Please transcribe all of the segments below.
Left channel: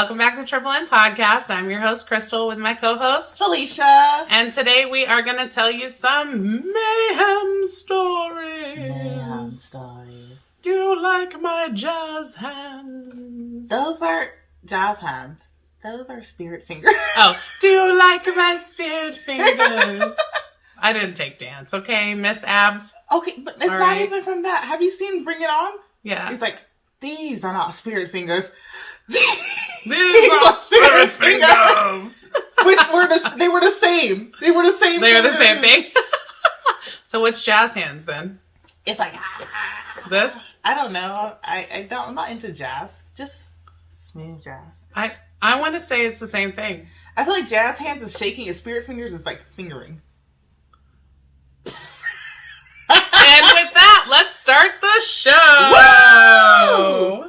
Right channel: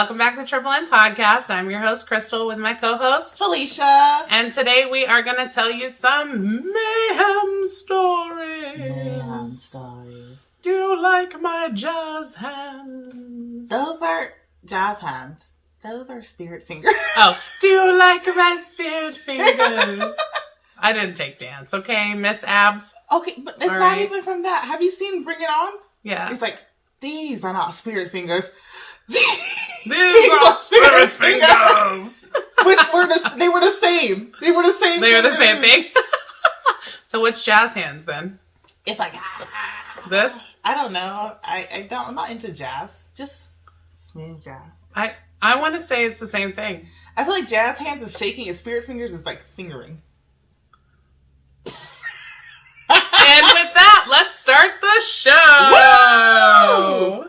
welcome back to Triple M Podcast. I'm your host, Chrystul, with my co-host, Alicia. And today we are going to tell you some mayhem stories. Mayhem stories. Do you like my jazz hands? Those are jazz hands. Those are spirit fingers. Oh, do you like my spirit fingers? I didn't take dance, okay, Miss Abs? Okay, but it's not even from that. Have you seen Bring It On? Yeah. He's like, these are not spirit fingers. These are spirit fingers. Which they were the same. They were the same. They were the same thing. So what's jazz hands then? It's like this. I don't know. I'm not into jazz. Just smooth jazz. I want to say it's the same thing. I feel like jazz hands is shaking, and spirit fingers is like fingering. And with that, let's start the show. Whoa!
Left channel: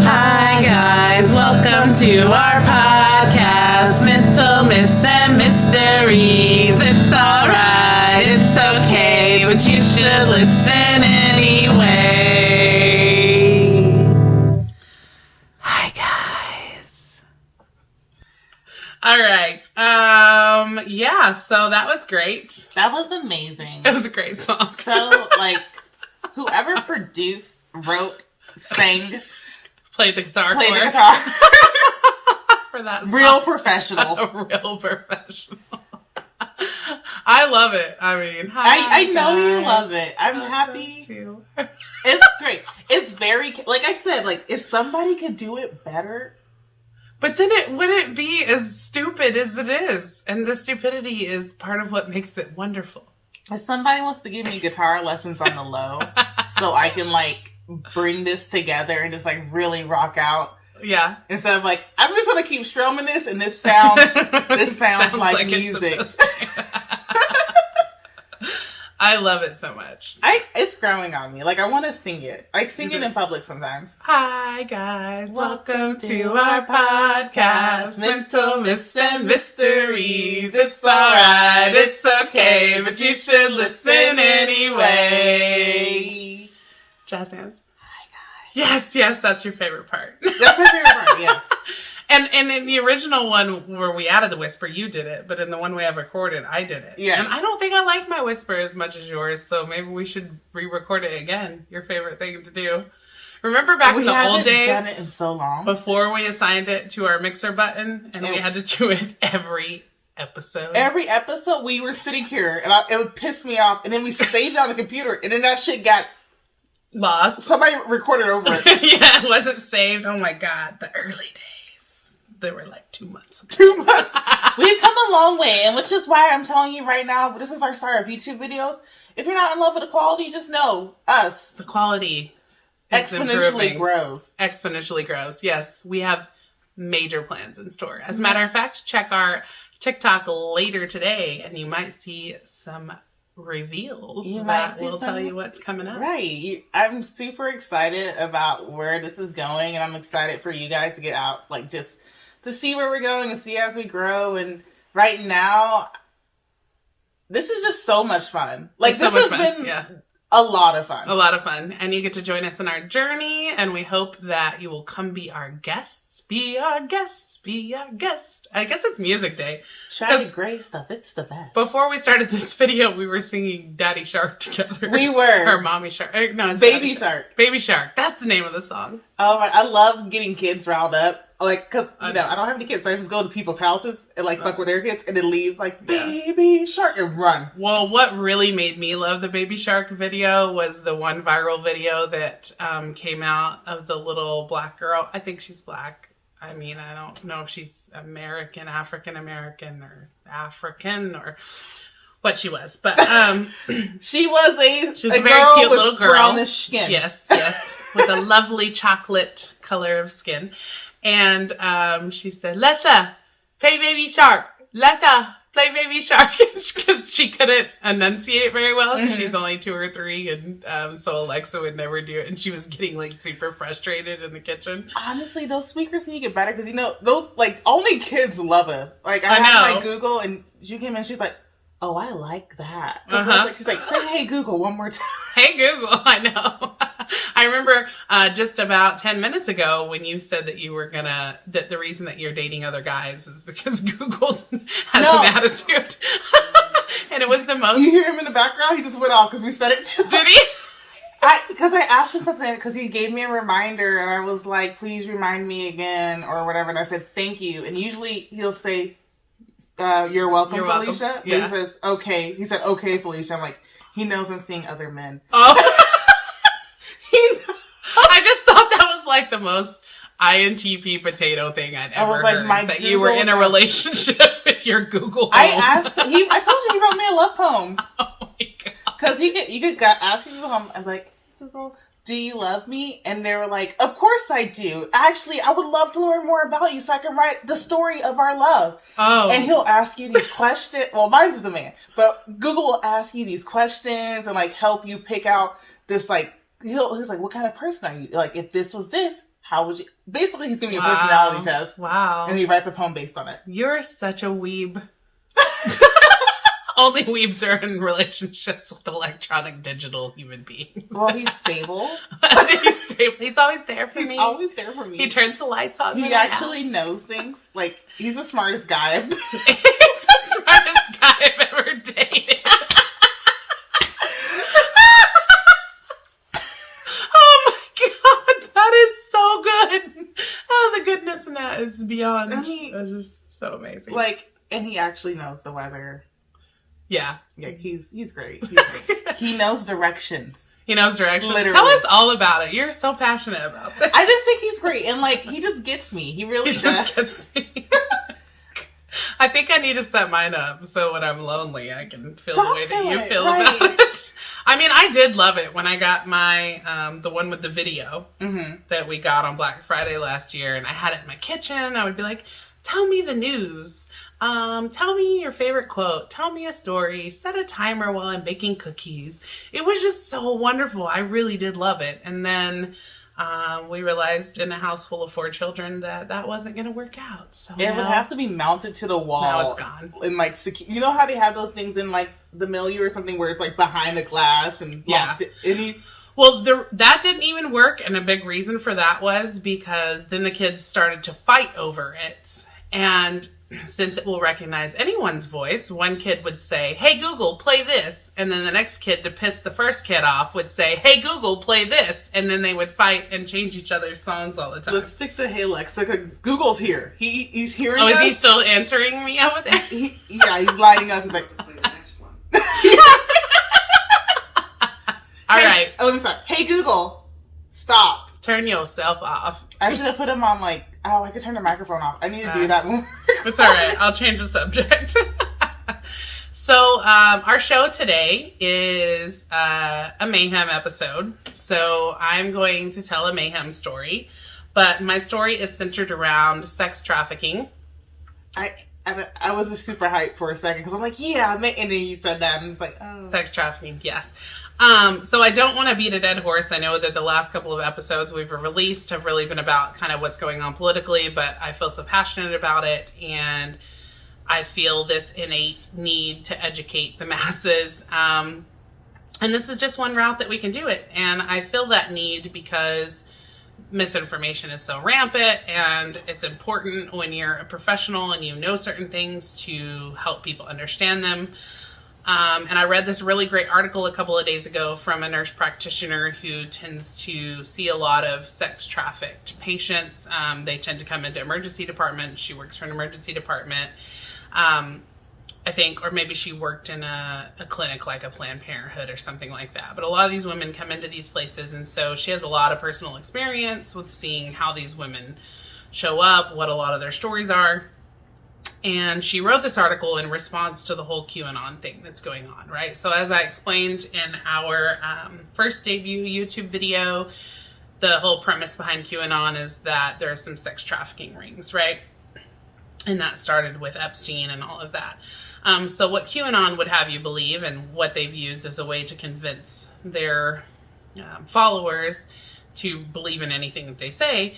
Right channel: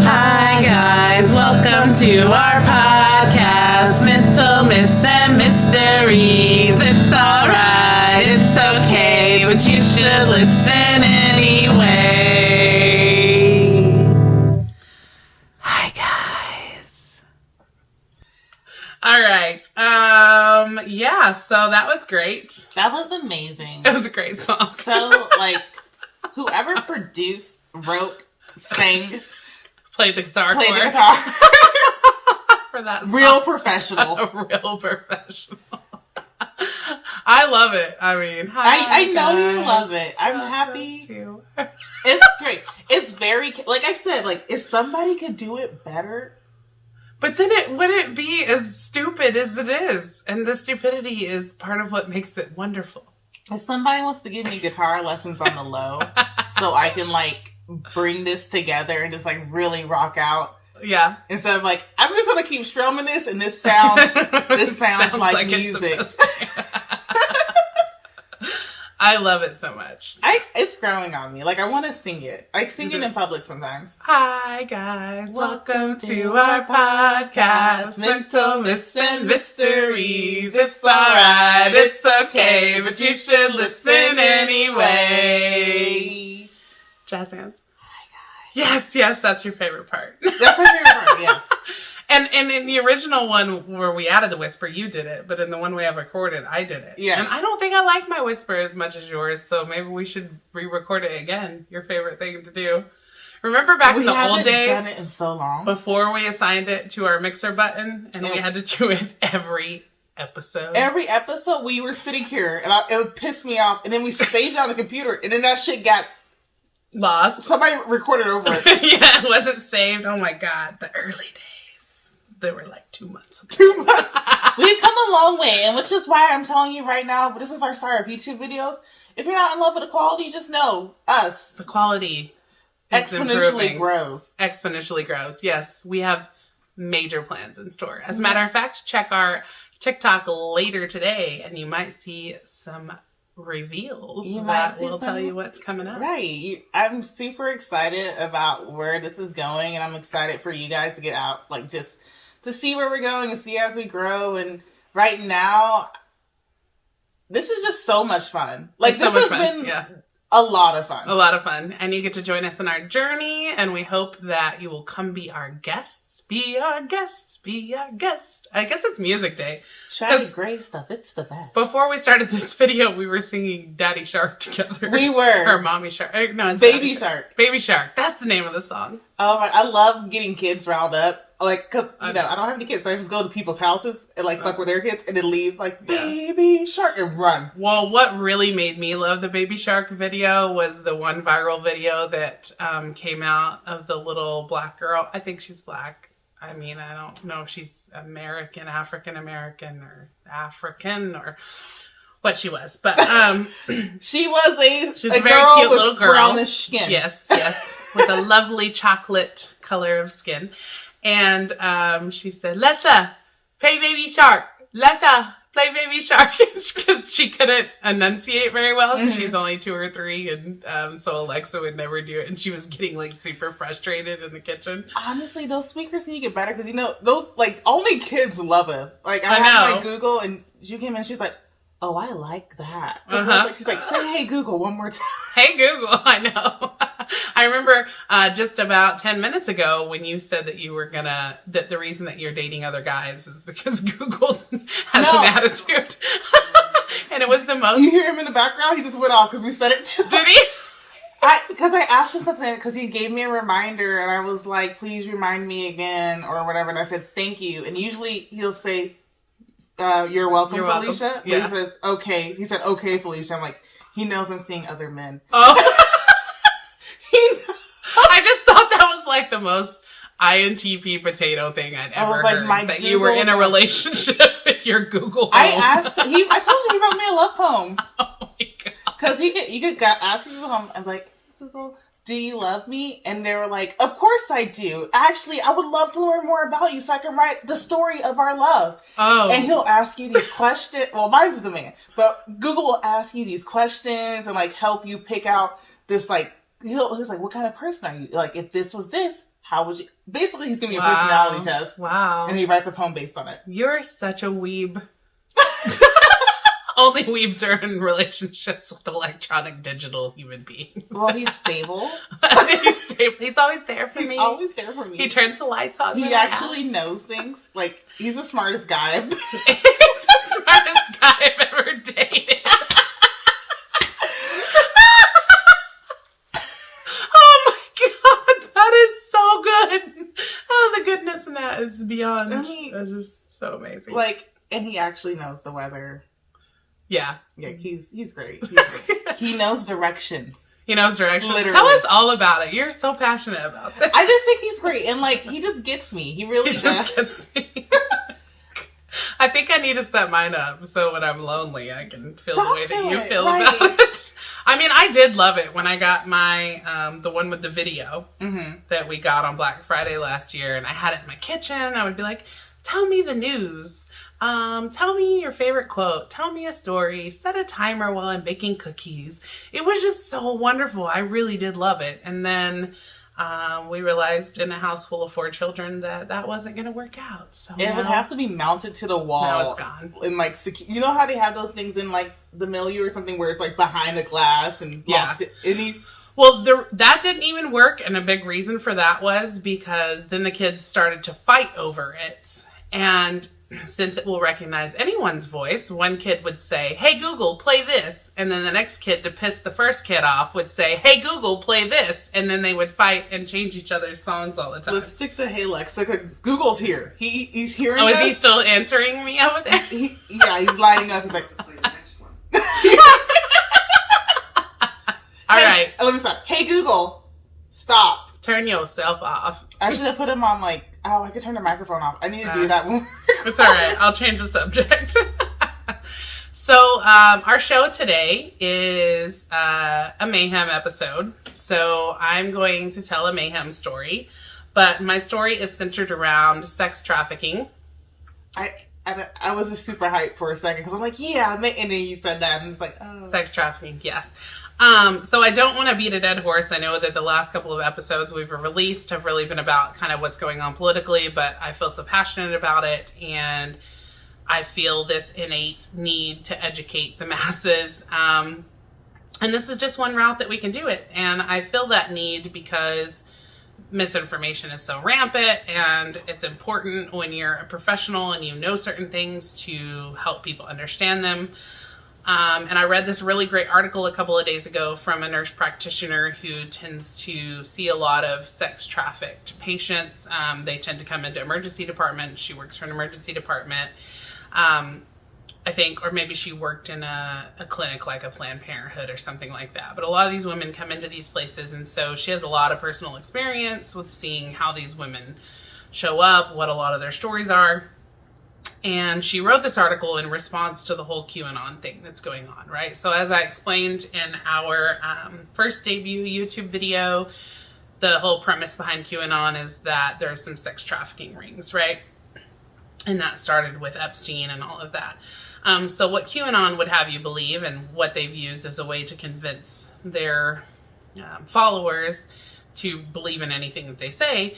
Hi guys, welcome to our podcast, Mental Myths and Mysteries. It's alright, it's okay, but you should listen anyway. Hi guys. Alright, yeah, so that was great. That was amazing. It was a great song. So, like, whoever produced, wrote, sang, Played the guitar for that song. Real professional. A real professional. I love it. I mean, I know you love it. I'm happy. Too. It's great. It's very, like I said, like, if somebody could do it better. But then it wouldn't be as stupid as it is. And the stupidity is part of what makes it wonderful. If somebody wants to give me guitar lessons on the low so I can, like, bring this together and just, like, really rock out. Yeah. Instead of, like, I'm just going to keep strumming this and this sounds like music. I love it so much. It's growing on me. Like, I want to sing it. I sing it in public sometimes. Hi, guys. Welcome to our podcast, Mental Myths and Mysteries. It's alright, it's okay, but you should listen anyway. Jazz hands. Hi, guys. Yes, that's your favorite part. That's my favorite part, yeah. And in the original one where we added the whisper, you did it. But in the one we have recorded, I did it. Yeah. And I don't think I like my whisper as much as yours. So maybe we should re-record it again. Your favorite thing to do. Remember back in the old days? We haven't done it in so long. Before we assigned it to our mixer button. And we had to do it every episode. Every episode we were sitting here. And it would piss me off. And then we saved it on the computer. And then that shit got lost. Somebody recorded over it. Yeah, it wasn't saved. Oh my God. The early days. They were like 2 months ago. 2 months. We've come a long way, and which is why I'm telling you right now, this is our start of YouTube videos. If you're not in love with the quality, just know us. The quality exponentially grows. Exponentially grows. Yes, we have major plans in store. As a matter of fact, check our TikTok later today, and you might see some reveals that will tell you what's coming up. Right. I'm super excited about where this is going, and I'm excited for you guys to get out, like, just to see where we're going and see as we grow. And right now, this is just so much fun. Like, this has been a lot of fun. A lot of fun. And you get to join us in our journey, and we hope that you will come be our guests. Be our guest. Be our guest. I guess it's music day. Shaggy Gray stuff. It's the best. Before we started this video, we were singing Daddy Shark together. We were. Or Mommy Shark. No, it's Baby Shark. Baby Shark. That's the name of the song. Oh, I love getting kids riled up. Like, because, I don't have any kids, so I just go to people's houses and, like, fuck with their kids and then leave, like, Baby Shark, and run. Well, what really made me love the Baby Shark video was the one viral video that came out of the little black girl. I think she's black. I mean, I don't know if she's American, African-American, or African, or what she was. But she was a very cute little girl. Brownish skin. Yes, with a lovely chocolate color of skin. And she said, "Let's play Baby Shark. Let's play Baby Shark," because she couldn't enunciate very well because she's only 2 or 3, and so Alexa would never do it, and she was getting like super frustrated in the kitchen. Honestly, those speakers need to get better because those, like, only kids love it. Like, I know. Like, Google, and she came in, she's like, oh, I like that. She's like, say hey Google one more time. Hey Google, I know. I remember just about 10 minutes ago when you said that you were that the reason that you're dating other guys is because Google has an attitude. And it was the most... You hear him in the background? He just went off because we said it too. Did he? Because I asked him something, because he gave me a reminder, and I was like, please remind me again, or whatever, and I said, thank you. And usually he'll say, you're welcome, Felicia. Yeah. But he says, okay. He said, okay, Felicia. I'm like, he knows I'm seeing other men. Oh. I just thought that was like the most INTP potato thing I'd ever heard. That you were in a relationship with your Google. I asked him, I told you he wrote me a love poem. Oh my God. Because you could ask people home. I'm like, Google, do you love me? And they were like, of course I do. Actually, I would love to learn more about you so I can write the story of our love. Oh. And he'll ask you these questions. Well, mine's is a man. But Google will ask you these questions and like help you pick out this like, he's like, what kind of person are you? Like, if this was this, how would you? Basically, he's giving me a personality test. Wow. And he writes a poem based on it. You're such a weeb. Only weebs are in relationships with electronic digital human beings. Well, he's stable. He's stable. He's always there for me. He's always there for me. He turns the lights on. He actually knows things. Like, he's the smartest guy. He's the smartest guy I've ever dated. Oh my God, that is so good. Oh, the goodness in that is beyond. It's just so amazing. Like, and he actually knows the weather. Yeah. Yeah, he's great. He's great. He knows directions. He knows directions. Literally. Tell us all about it. You're so passionate about this. I just think he's great. And like, he just gets me. He really does. Just gets me. I think I need to set mine up so when I'm lonely, I can feel the way that you feel about it. I mean, I did love it when I got my, the one with the video that we got on Black Friday last year, and I had it in my kitchen. I would be like, tell me the news. Tell me your favorite quote. Tell me a story. Set a timer while I'm baking cookies. It was just so wonderful. I really did love it. And then we realized in a house full of 4 children that wasn't going to work out. So it would have to be mounted to the wall. Now it's gone. And like, you know how they have those things in like the milieu or something where it's like behind the glass and Well, that didn't even work. And a big reason for that was because then the kids started to fight over it. And since it will recognize anyone's voice, one kid would say, hey, Google, play this. And then the next kid, to piss the first kid off, would say, hey, Google, play this. And then they would fight and change each other's songs all the time. Let's stick to Hey Lexa, because Google's here. He's hearing us. Is he still answering me over there? He's lighting up. He's like... Play the next one. All right. Oh, I'm sorry. Hey, Google, stop. Turn yourself off. I should have put him on like, I could turn the microphone off. I need to do that one. It's all right. I'll change the subject. So our show today is a Mayhem episode. So I'm going to tell a Mayhem story. But my story is centered around sex trafficking. I was just super hyped for a second because I'm like, yeah, and then you said that. And I'm just like, oh. Sex trafficking, yes. So I don't want to beat a dead horse. I know that the last couple of episodes we've released have really been about kind of what's going on politically, but I feel so passionate about it, and I feel this innate need to educate the masses. And this is just one route that we can do it. And I feel that need because misinformation is so rampant, and it's important when you're a professional and you know certain things to help people understand them. And I read this really great article a couple of days ago from a nurse practitioner who tends to see a lot of sex trafficked patients. They tend to come into emergency departments. She works for an emergency department, I think, or maybe she worked in a clinic like a Planned Parenthood or something like that. But a lot of these women come into these places, and so she has a lot of personal experience with seeing how these women show up, what a lot of their stories are. And she wrote this article in response to the whole QAnon thing that's going on, right? So as I explained in our first debut YouTube video, the whole premise behind QAnon is that there are some sex trafficking rings, right? And that started with Epstein and all of that. So what QAnon would have you believe, and what they've used as a way to convince their followers to believe in anything that they say,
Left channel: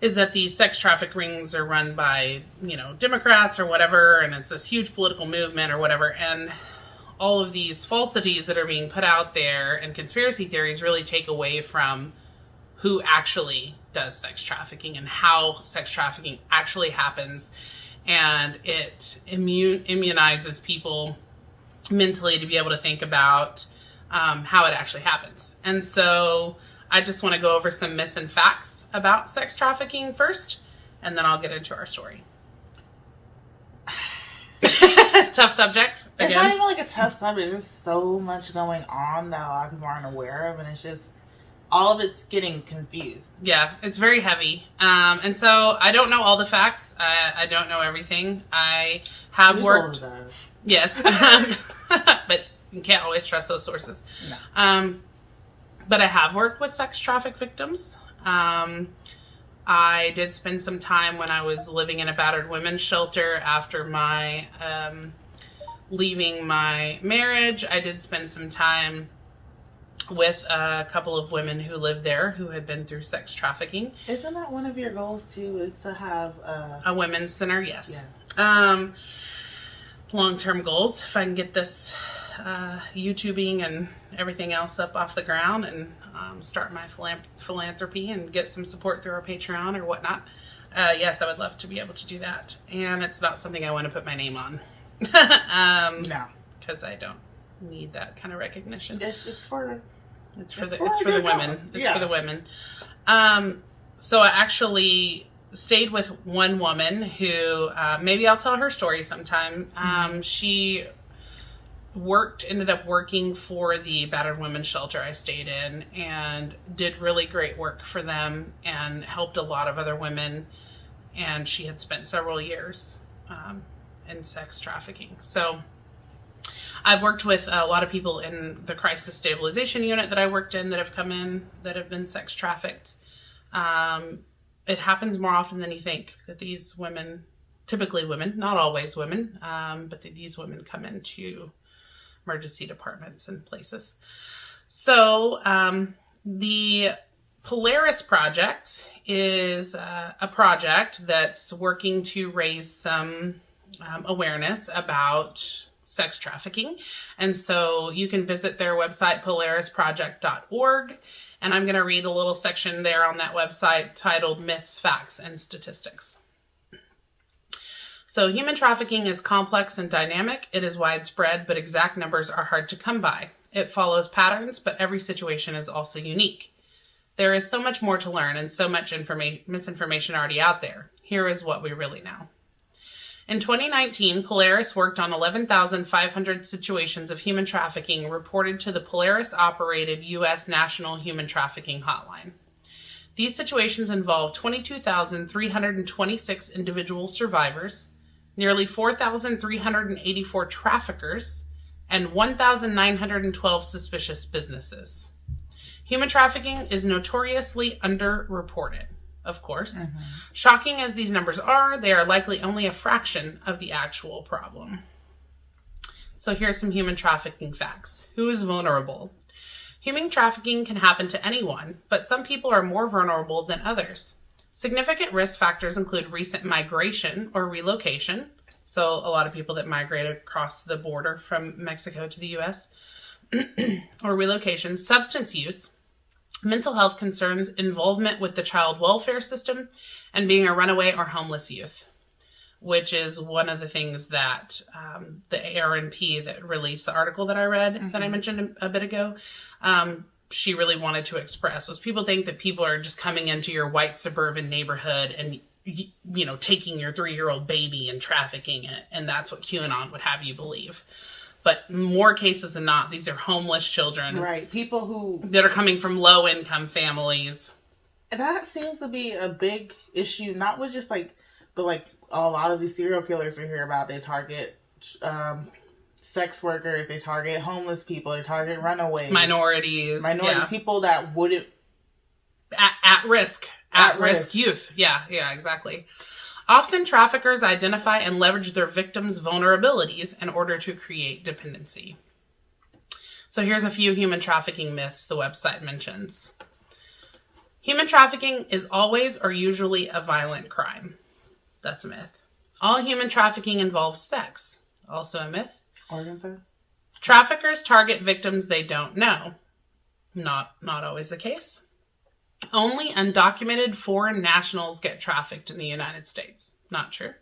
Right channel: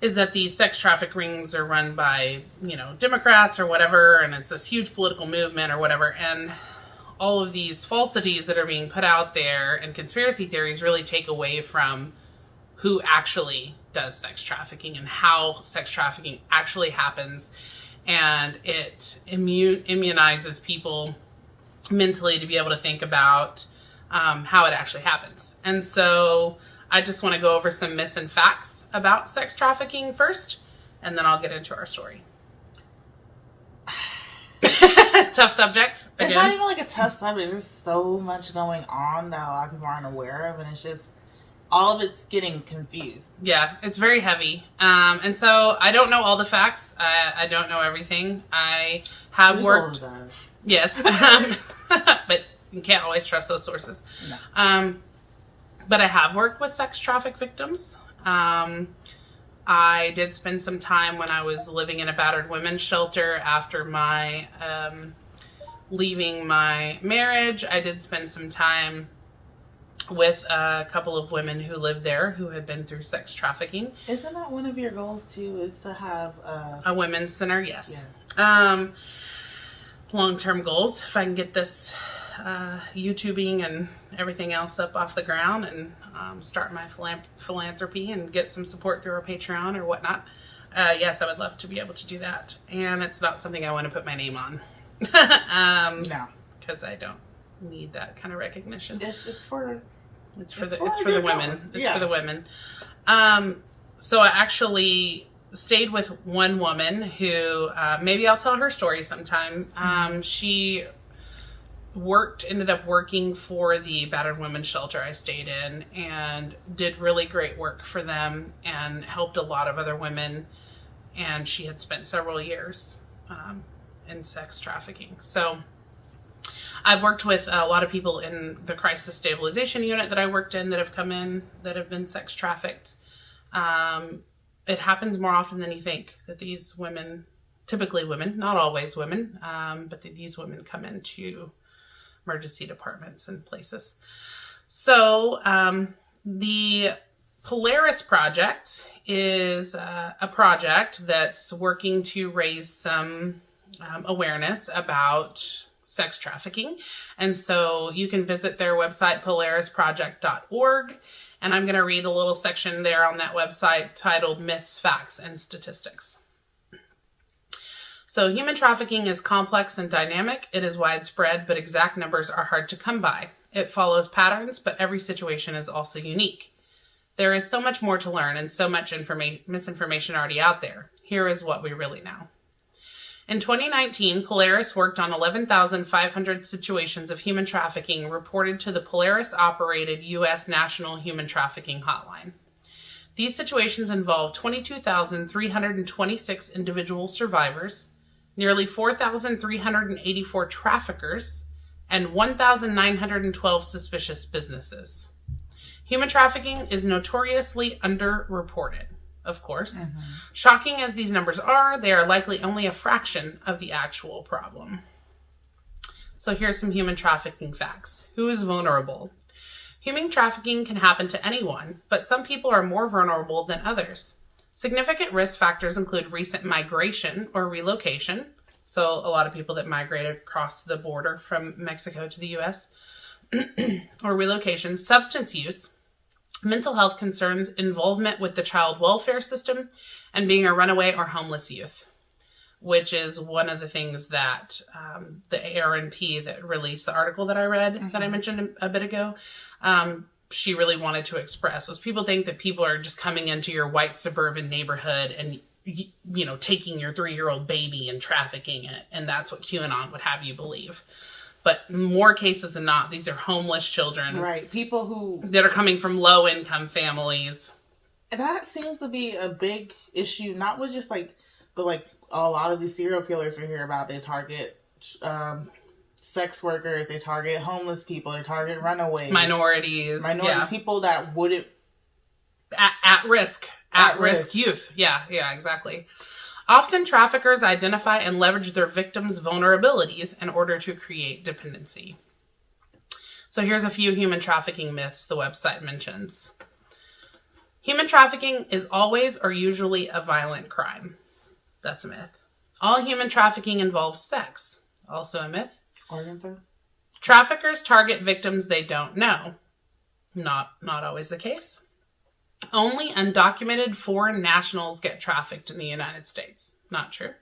is that these sex traffic rings are run by, Democrats or whatever, and it's this huge political movement or whatever, and all of these falsities that are being put out there and conspiracy theories really take away from who actually does sex trafficking and how sex trafficking actually happens, and it immunizes people mentally to be able to think about how it actually happens. And so I just want to go over some myths and facts about sex trafficking first, and then I'll get into our story. Tough subject. It's not even like a tough subject. There's just so much going on that a lot of people aren't aware of, and it's just all of it's getting confused. Yeah, it's very heavy. And so I don't know all the facts. I don't know everything. I have Google worked. does. Yes, but you can't always trust those sources. No. But I have worked with sex traffic victims. I did spend some time when I was living in a battered women's shelter after my leaving my marriage. I did spend some time with a couple of women who lived there who had been through sex trafficking. Isn't that one of your goals too, is to have a women's center? Yes. Yes. Long-term goals, if I can get this YouTubing and everything else up off the ground and start my philanthropy and get some support through our Patreon or whatnot. Yes, I would love to be able to do that. And it's not something I want to put my name on. No. Because I don't need that kind of recognition. It's for the women. It's for the women. So I actually stayed with one woman who, maybe I'll tell her story sometime. She ended up working for the battered women's shelter I stayed in and did really great work for them and helped a lot of other women. And she had spent several years in sex trafficking. So I've worked with a lot of people in the crisis stabilization unit that I worked in that have come in that have been sex trafficked. It happens more often than you think that these women, typically women, not always women, but these women come into emergency departments and places. So the Polaris Project is a project that's working to raise some awareness about sex trafficking. And so you can visit their website, polarisproject.org. And I'm going to read a little section there on that website titled Myths, Facts, and Statistics. So human trafficking is complex and dynamic. It is widespread, but exact numbers are hard to come by. It follows patterns, but every situation is also unique. There is so much more to learn and so much misinformation already out there. Here is what we really know. In 2019, Polaris worked on 11,500 situations of human trafficking reported to the Polaris-operated U.S. National Human Trafficking Hotline. These situations involved 22,326 individual survivors, nearly 4,384 traffickers, and 1,912 suspicious businesses. Human trafficking is notoriously underreported. Of course. Mm-hmm. Shocking as these numbers are, they are likely only a fraction of the actual problem. So here's some human trafficking facts. Who is vulnerable? Human trafficking can happen to anyone, but some people are more vulnerable than others. Significant risk factors include recent migration or relocation. So a lot of people that migrated across the border from Mexico to the U.S. or relocation, substance use, mental health concerns, involvement with the child welfare system, and being a runaway or homeless youth, which is one of the things that the ARNP that released the article that I read that I mentioned a bit ago, she really wanted to express was people think that people are just coming into your white suburban neighborhood and, taking your 3-year-old baby and trafficking it. And that's what QAnon would have you believe. But more cases than not, these are homeless children. Right. People that are coming from low-income families. That seems to be a big issue, not with just but a lot of these serial killers we hear about. They target sex workers, they target homeless people, they target runaways. Minorities, yeah. People that wouldn't... At risk youth. Yeah, exactly. Often traffickers identify and leverage their victims' vulnerabilities in order to create dependency. So here's a few human trafficking myths the website mentions. Human trafficking is always or usually a violent crime. That's a myth. All human trafficking involves sex. Also a myth. Traffickers target victims they don't know. Not always the case. Only undocumented foreign nationals get trafficked in the United States. Not true.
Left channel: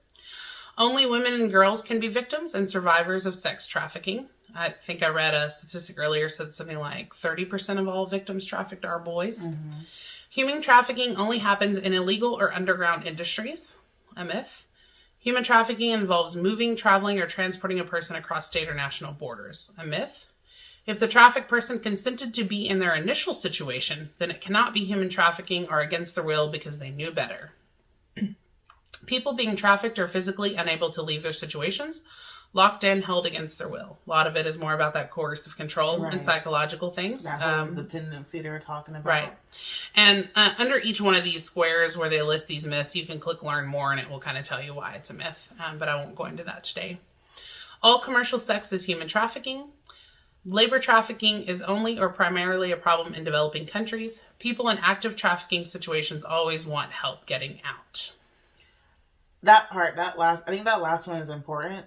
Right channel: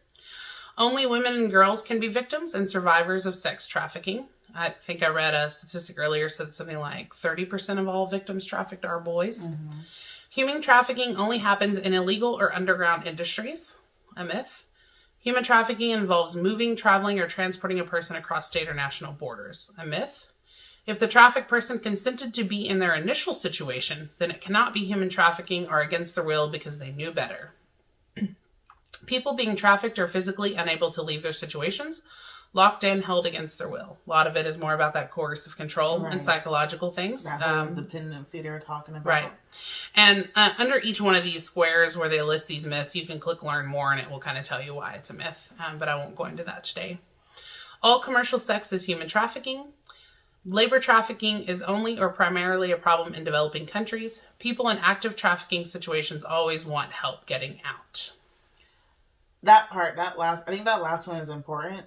Only women and girls can be victims and survivors of sex trafficking. I think I read a statistic earlier said something like 30% of all victims trafficked are boys. Mm-hmm. Human trafficking only happens in illegal or underground industries. A myth. Human trafficking involves moving, traveling, or transporting a person across state or national borders. A myth. If the trafficked person consented to be in their initial situation, then it cannot be human trafficking or against their will because they knew better. People being trafficked are physically unable to leave their situations, locked in, held against their will. A lot of it is more about that coercive control and psychological things. That whole dependency they were talking about. Right. And under each one of these squares where they list these myths, you can click learn more and it will kind of tell you why it's a myth. But I won't go into that today. All commercial sex is human trafficking. Labor trafficking is only or primarily a problem in developing countries. People in active trafficking situations always want help getting out. That part, I think that last one is important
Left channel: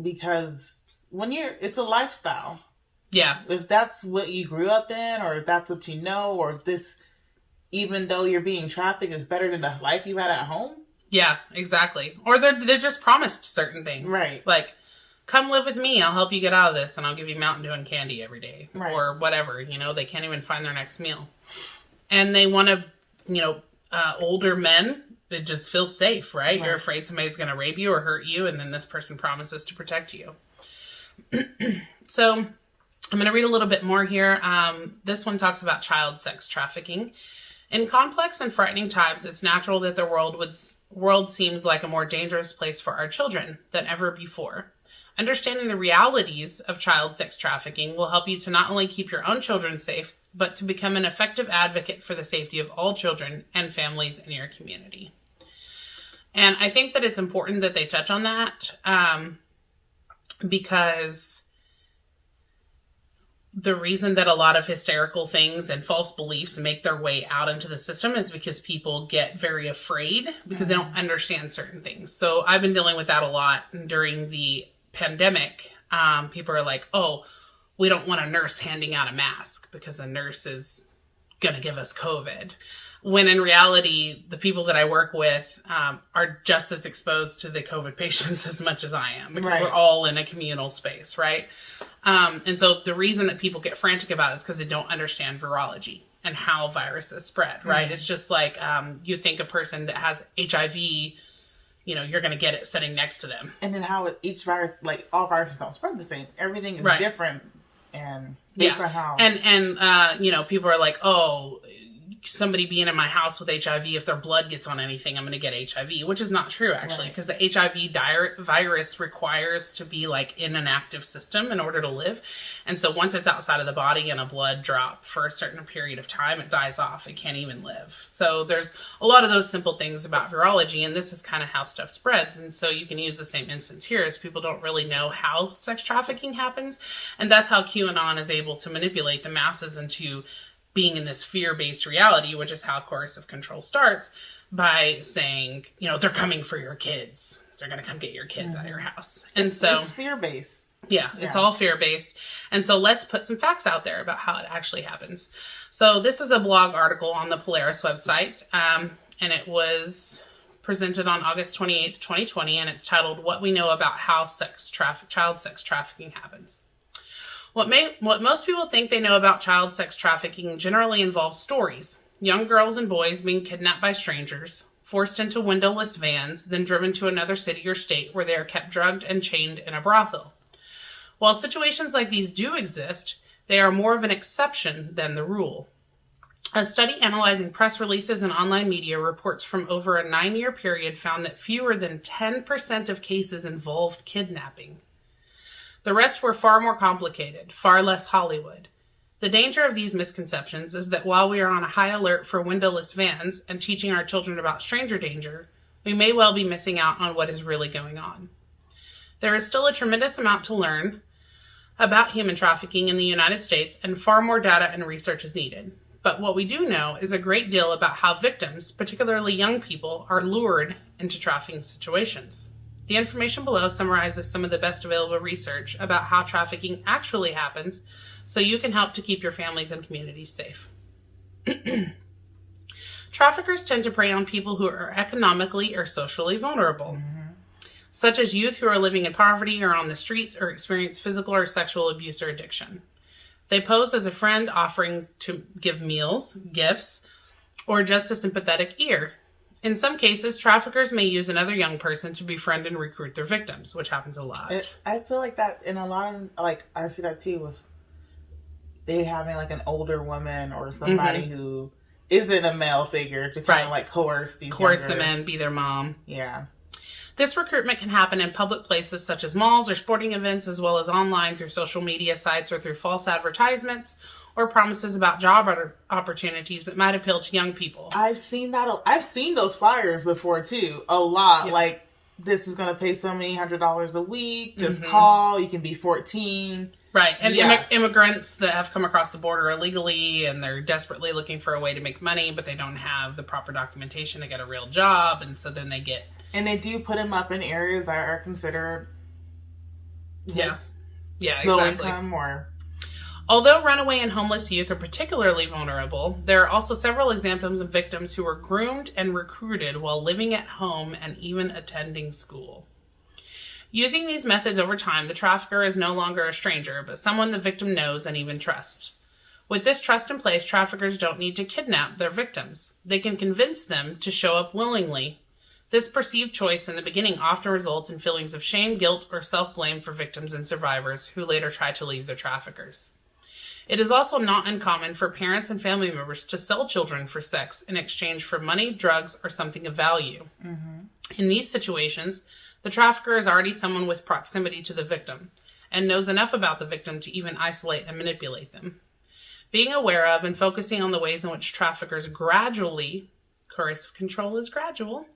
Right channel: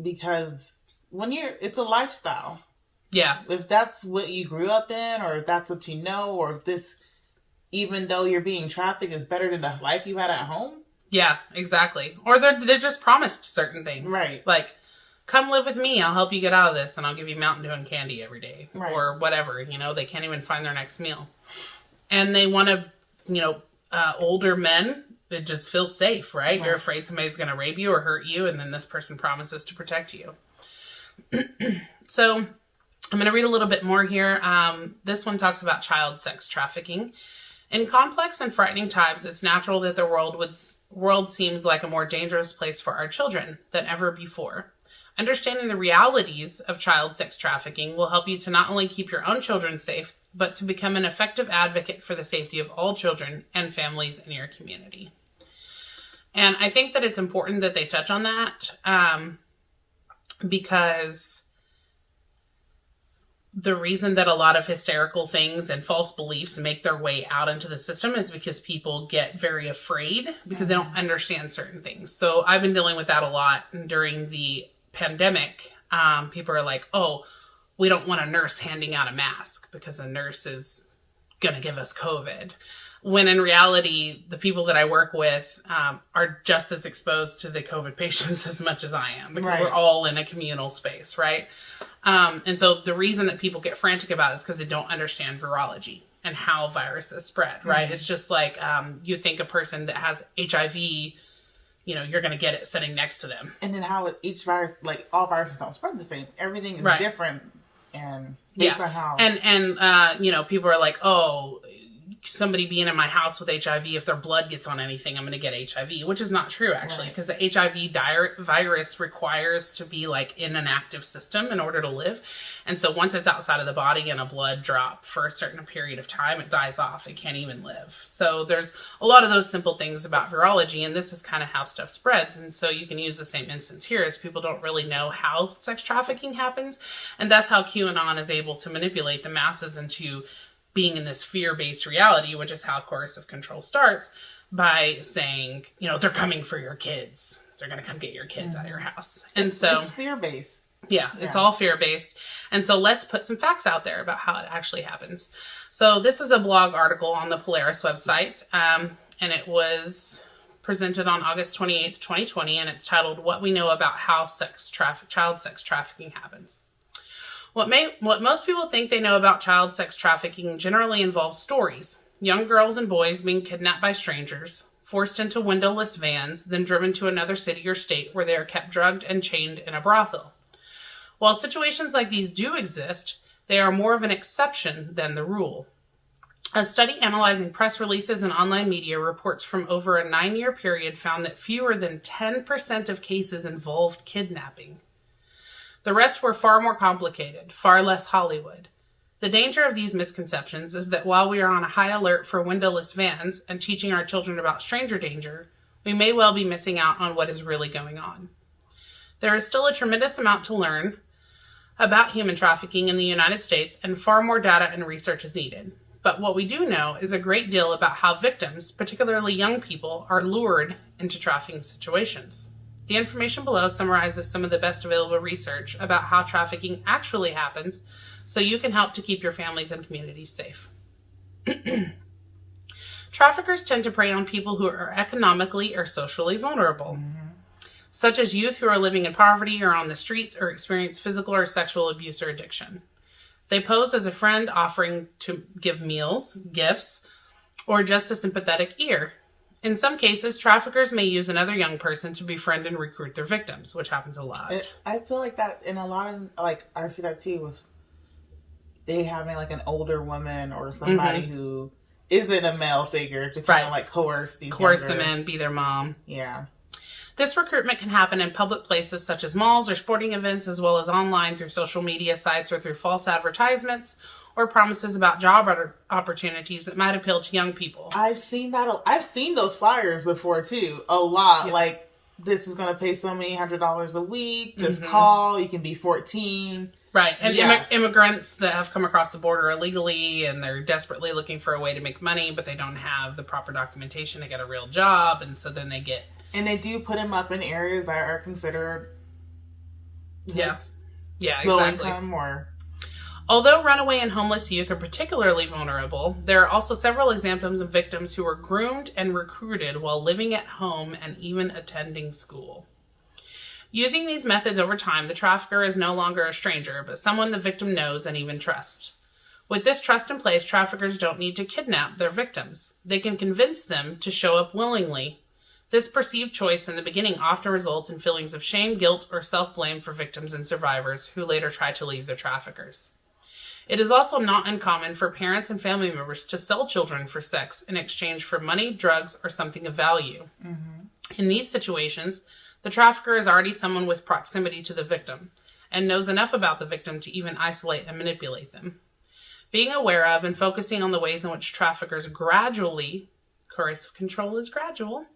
because it's a lifestyle. Yeah. If that's what you grew up in, or if that's what you know, or if this, even though you're being trafficked, is better than the life you had at home. Yeah, exactly. Or they're just promised certain things. Right. Like, come live with me, I'll help you get out of this, and I'll give you Mountain Dew and candy every day. Right. Or whatever, they can't even find their next meal. And they want to, older men, it just feels safe, right? You're afraid somebody's going to rape you or hurt you, and then this person promises to protect you. So, I'm going to read a little bit more here. This one talks about child sex trafficking. In complex and frightening times, it's natural that the world seems like a more dangerous place for our children than ever before. Understanding the realities of child sex trafficking will help you to not only keep your own children safe, but to become an effective advocate for the safety of all children and families in your community. And I think that it's important that they touch on that because the reason that a lot of hysterical things and false beliefs make their way out into the system is because people get very afraid because they don't understand certain things. So I've been dealing with that a lot during the pandemic. People are like, oh, we don't want a nurse handing out a mask because a nurse is going to give us COVID. When in reality, the people that I work with are just as exposed to the COVID patients as much as I am because we're all in a communal space, right? And so the reason that people get frantic about it is because they don't understand virology and how viruses spread, right? Mm-hmm. It's just like you think a person that has HIV, you're going to get it sitting next to them. And then how each virus, like all viruses don't spread the same. Everything is different. And based on how. And people are like, oh, somebody being in my house with HIV, if their blood gets on anything, I'm going to get HIV, which is not true, actually, because the HIV virus requires to be like in an active system in order to live. And so once it's outside of the body and a blood drop for a certain period of time, it dies off. It can't even live. So there's a lot of those simple things about virology, and this is kind of how stuff spreads. And so you can use the same instance here as people don't really know how sex trafficking happens. And that's how QAnon is able to manipulate the masses into being in this fear-based reality, which is how coercive control starts, by saying, they're coming for your kids. They're going to come get your kids out of your house. And so it's fear-based. Yeah, it's all fear-based. And so let's put some facts out there about how it actually happens. So this is a blog article on the Polaris website, and it was presented on August 28th, 2020, and it's titled, What We Know About How Child Sex Trafficking Happens. What most people think they know about child sex trafficking generally involves stories. Young girls and boys being kidnapped by strangers, forced into windowless vans, then driven to another city or state where they are kept drugged and chained in a brothel. While situations like these do exist, they are more of an exception than the rule. A study analyzing press releases and online media reports from over a 9-year period found that fewer than 10% of cases involved kidnapping. The rest were far more complicated, far less Hollywood. The danger of these misconceptions is that while we are on a high alert for windowless vans and teaching our children about stranger danger, we may well be missing out on what is really going on. There is still a tremendous amount to learn about human trafficking in the United States, and far more data and research is needed. But what we do know is a great deal about how victims, particularly young people, are lured into trafficking situations. The information below summarizes some of the best available research about how trafficking actually happens, so you can help to keep your families and communities safe. Traffickers tend to prey on people who are economically or socially vulnerable, such as youth who are living in poverty or on the streets or experience physical or sexual abuse or addiction. They pose as a friend, offering to give meals, gifts, or just a sympathetic ear. In some cases, traffickers may use another young person to befriend and recruit their victims, which happens a lot. I feel like that in a lot of, like, I see that too with they having like an older woman or somebody who isn't a male figure to kind of like coerce them in, be their mom. Yeah. This recruitment can happen in public places such as malls or sporting events, as well as online through social media sites or through false advertisements or promises about job opportunities that might appeal to young people. I've seen that. I've seen those flyers before too. A lot. Yeah. Like, this is going to pay so many $100s a week. Just call. You can be 14. Right. And immigrants that have come across the border illegally and they're desperately looking for a way to make money, but they don't have the proper documentation to get a real job. And so then they get... And they do put them up in areas that are considered low income or... Although runaway and homeless youth are particularly vulnerable, there are also several examples of victims who were groomed and recruited while living at home and even attending school. Using these methods over time, the trafficker is no longer a stranger, but someone the victim knows and even trusts. With this trust in place, traffickers don't need to kidnap their victims. They can convince them to show up willingly. This perceived choice in the beginning often results in feelings of shame, guilt, or self-blame for victims and survivors who later try to leave their traffickers. It is also not uncommon for parents and family members to sell children for sex in exchange for money, drugs, or something of value. In these situations, the trafficker is already someone with proximity to the victim and knows enough about the victim to even isolate and manipulate them. Being aware of and focusing on the ways in which traffickers gradually, coercive control is gradual,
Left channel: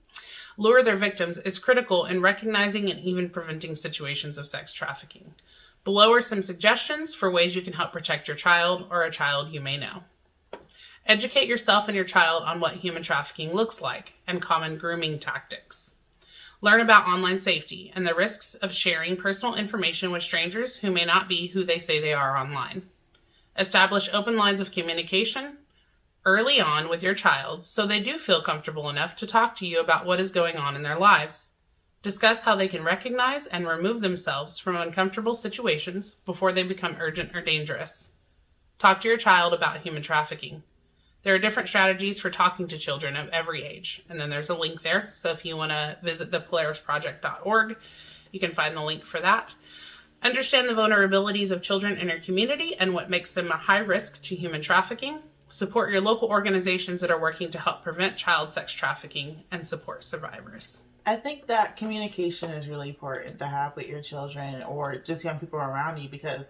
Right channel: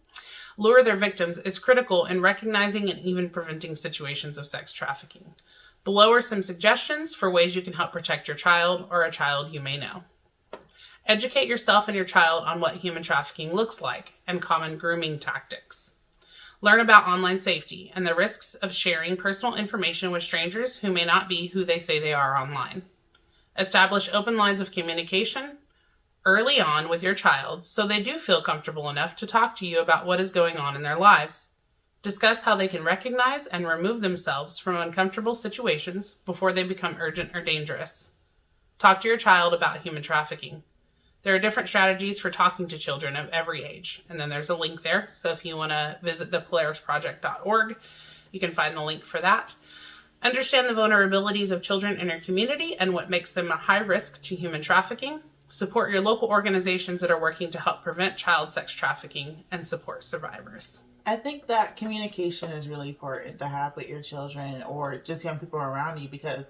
lure their victims is critical in recognizing and even preventing situations of sex trafficking. Below are some suggestions for ways you can help protect your child or a child you may know. Educate yourself and your child on what human trafficking looks like and common grooming tactics. Learn about online safety and the risks of sharing personal information with strangers who may not be who they say they are online. Establish open lines of communication early on with your child so they do feel comfortable enough to talk to you about what is going on in their lives. Discuss how they can recognize and remove themselves from uncomfortable situations before they become urgent or dangerous. Talk to your child about human trafficking. There are different strategies for talking to children of every age, and then there's a link there. So if you want to visit thepolarisproject.org, you can find the link for that. Understand the vulnerabilities of children in your community and what makes them a high risk to human trafficking. Support your local organizations that are working to help prevent child sex trafficking and support survivors. I think that communication is really important to have with your children or just young people around you, because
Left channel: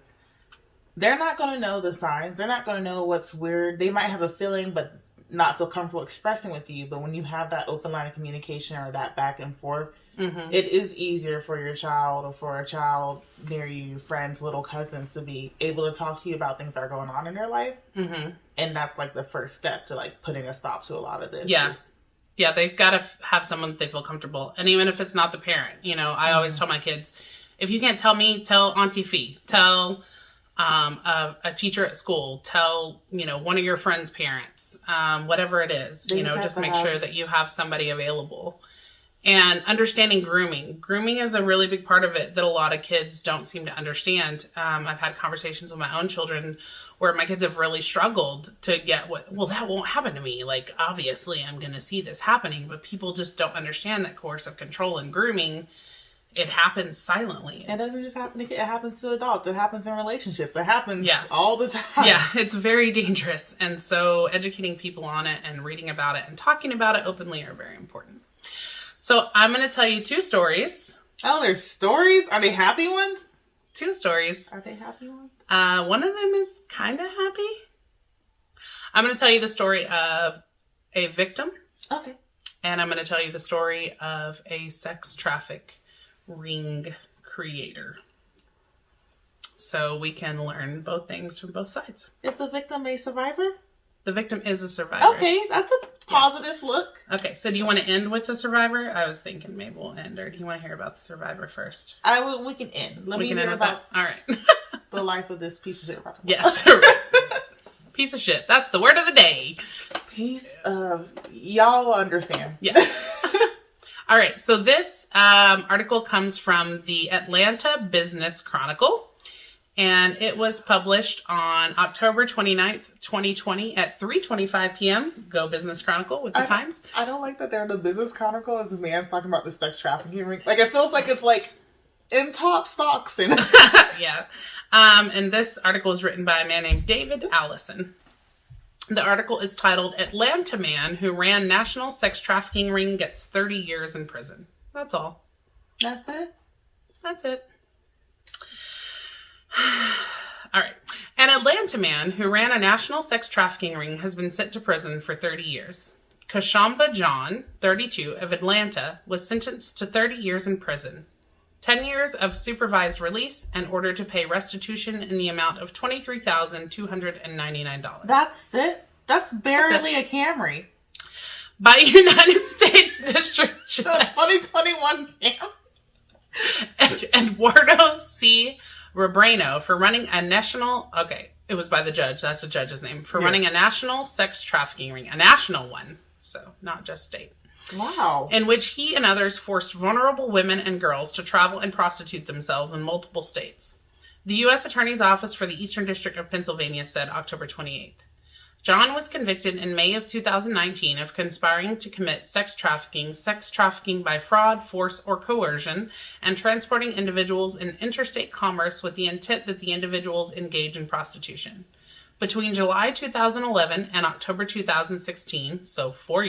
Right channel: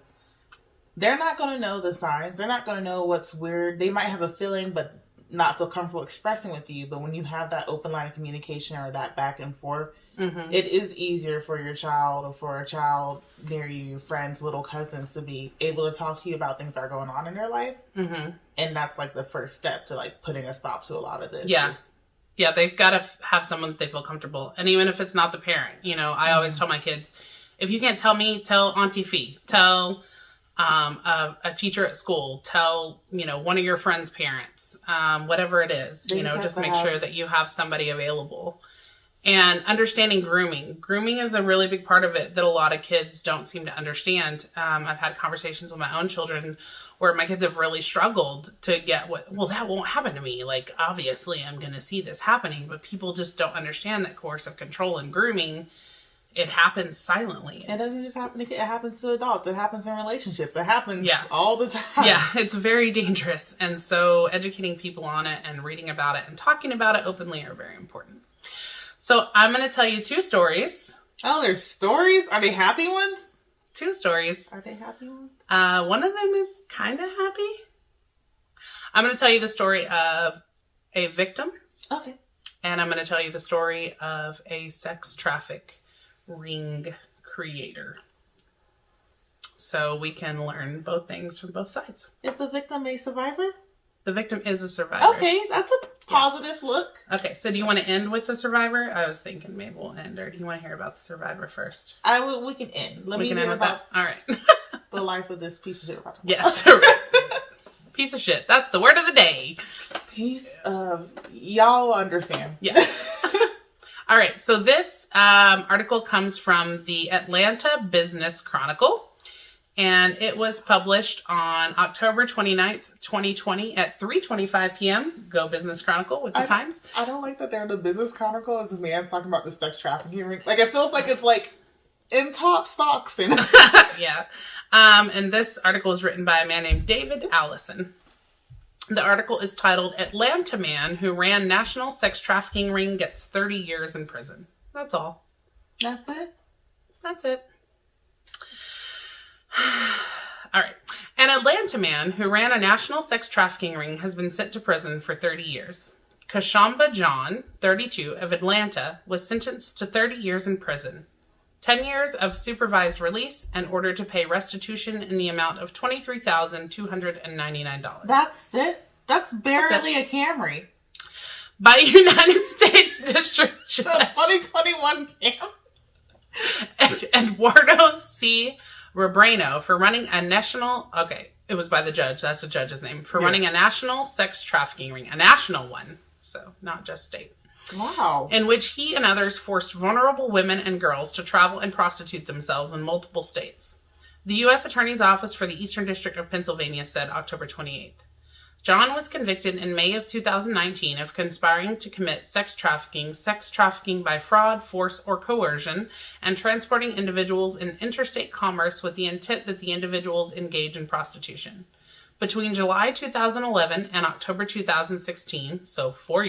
they're not going to know the signs. They're not going to know what's weird. They might have a feeling but not feel comfortable expressing with you. But when you have that open line of communication or that back and forth, it is easier for your child or for a child near you, friends, little cousins, to be able to talk to you about things that are going on in their life. And that's like the first step to like putting a stop to a lot of this. Yeah, they've got to have someone that they feel comfortable. And even if it's not the parent, you know, I always tell my kids, if you can't tell me, tell Auntie Fee, tell a teacher at school, tell, you know, one of your friends' parents, whatever it is, you know, just make sure that you have somebody available. And understanding grooming. Grooming is a really big part of it that a lot of kids don't seem to understand. I've had conversations with my own children where my kids have really struggled to get well, that won't happen to me. Like, obviously, I'm going to see this happening, but people just don't understand that coercive control and grooming, it happens silently. It doesn't just happen to kids. It happens to adults. It happens in relationships. It happens all the time. Yeah, it's very dangerous. And so educating people on it and reading about it and talking about it openly are very important. So I'm going to tell you 2 stories. Oh, there's stories? Are they happy ones? 2 stories. Are they happy ones? One of them is kind of happy. I'm going to tell you the story of a victim. Okay. And I'm going to tell you the story of a sex traffic ring creator. So we can learn both things from both sides. Is the victim a survivor? The victim is a survivor. Okay, that's a positive look. Okay, so do you want to end with the survivor? I was thinking maybe we'll end, or do you want to hear about the survivor first? We can end. Let me hear about all right. the life of this piece of shit. Yes. Piece of shit. That's the word of the day. Piece of... Y'all understand. Yeah. All right, so this article comes from the Atlanta Business Chronicle. And it was published on October 29th, 2020 at 3:25 p.m. Go Business Chronicle with the times. I don't like that they're in the Business Chronicle as this man's talking about the sex trafficking ring. Like, it feels like it's like in top stocks. And yeah. And this article is written by a man named David Allison. The article is titled, Atlanta Man Who Ran National Sex Trafficking Ring Gets 30 Years in Prison. That's all. That's it? That's it. All right. An Atlanta man who ran a national sex trafficking ring has been sent to prison for 30 years. Kashamba John, 32, of Atlanta, was sentenced to 30 years in prison, 10 years of supervised release, and ordered to pay restitution in the amount of $23,299. That's it? That's barely a Camry. By United States District Judge 2021 Camry. Eduardo C. Rebrano for running a national... Okay, it was by the judge. That's the judge's name. For running a national sex trafficking ring. A national one. So, not just state. Wow. In which he and others forced vulnerable women and girls to travel and prostitute themselves in multiple states. The U.S. Attorney's Office for the Eastern District of Pennsylvania said October 28th. John was convicted in May of 2019 of conspiring to commit sex trafficking by fraud, force, or coercion, and transporting individuals in interstate commerce with the intent that the individuals engage in prostitution. Between July 2011 and October 2016, so 5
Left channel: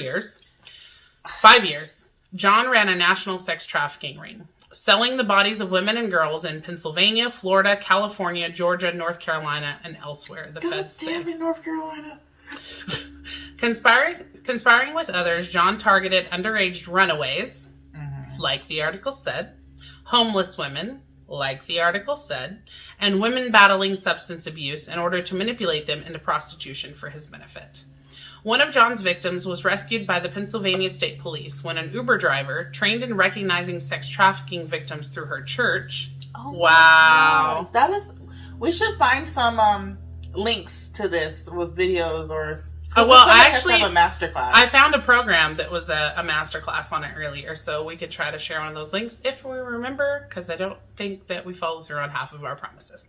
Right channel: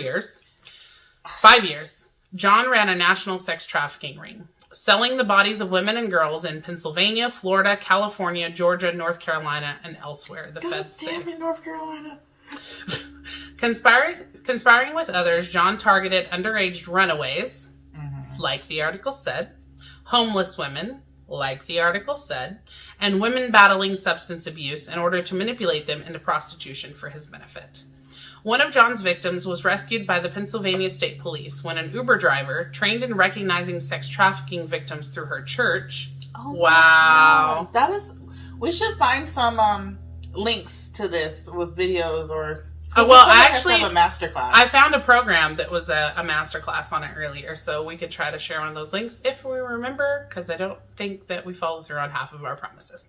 years, John ran a national sex trafficking ring, selling the bodies of women and girls in Pennsylvania, Florida, California, Georgia, North Carolina, and elsewhere, the feds say. Damn it, North Carolina. Conspiring with others, John targeted underage runaways, like the article said, homeless women, like the article said, and women battling substance abuse in order to manipulate them into prostitution for his benefit. One of John's victims was rescued by the Pennsylvania State Police when an Uber driver, trained in recognizing sex trafficking victims through her church... Oh, wow. That is... We should find some links to this with videos or... Oh, well, I actually have a masterclass. I found a program that was a masterclass on it earlier, so we could try to share one of those links if we remember, because I don't think that we follow through on half of our promises.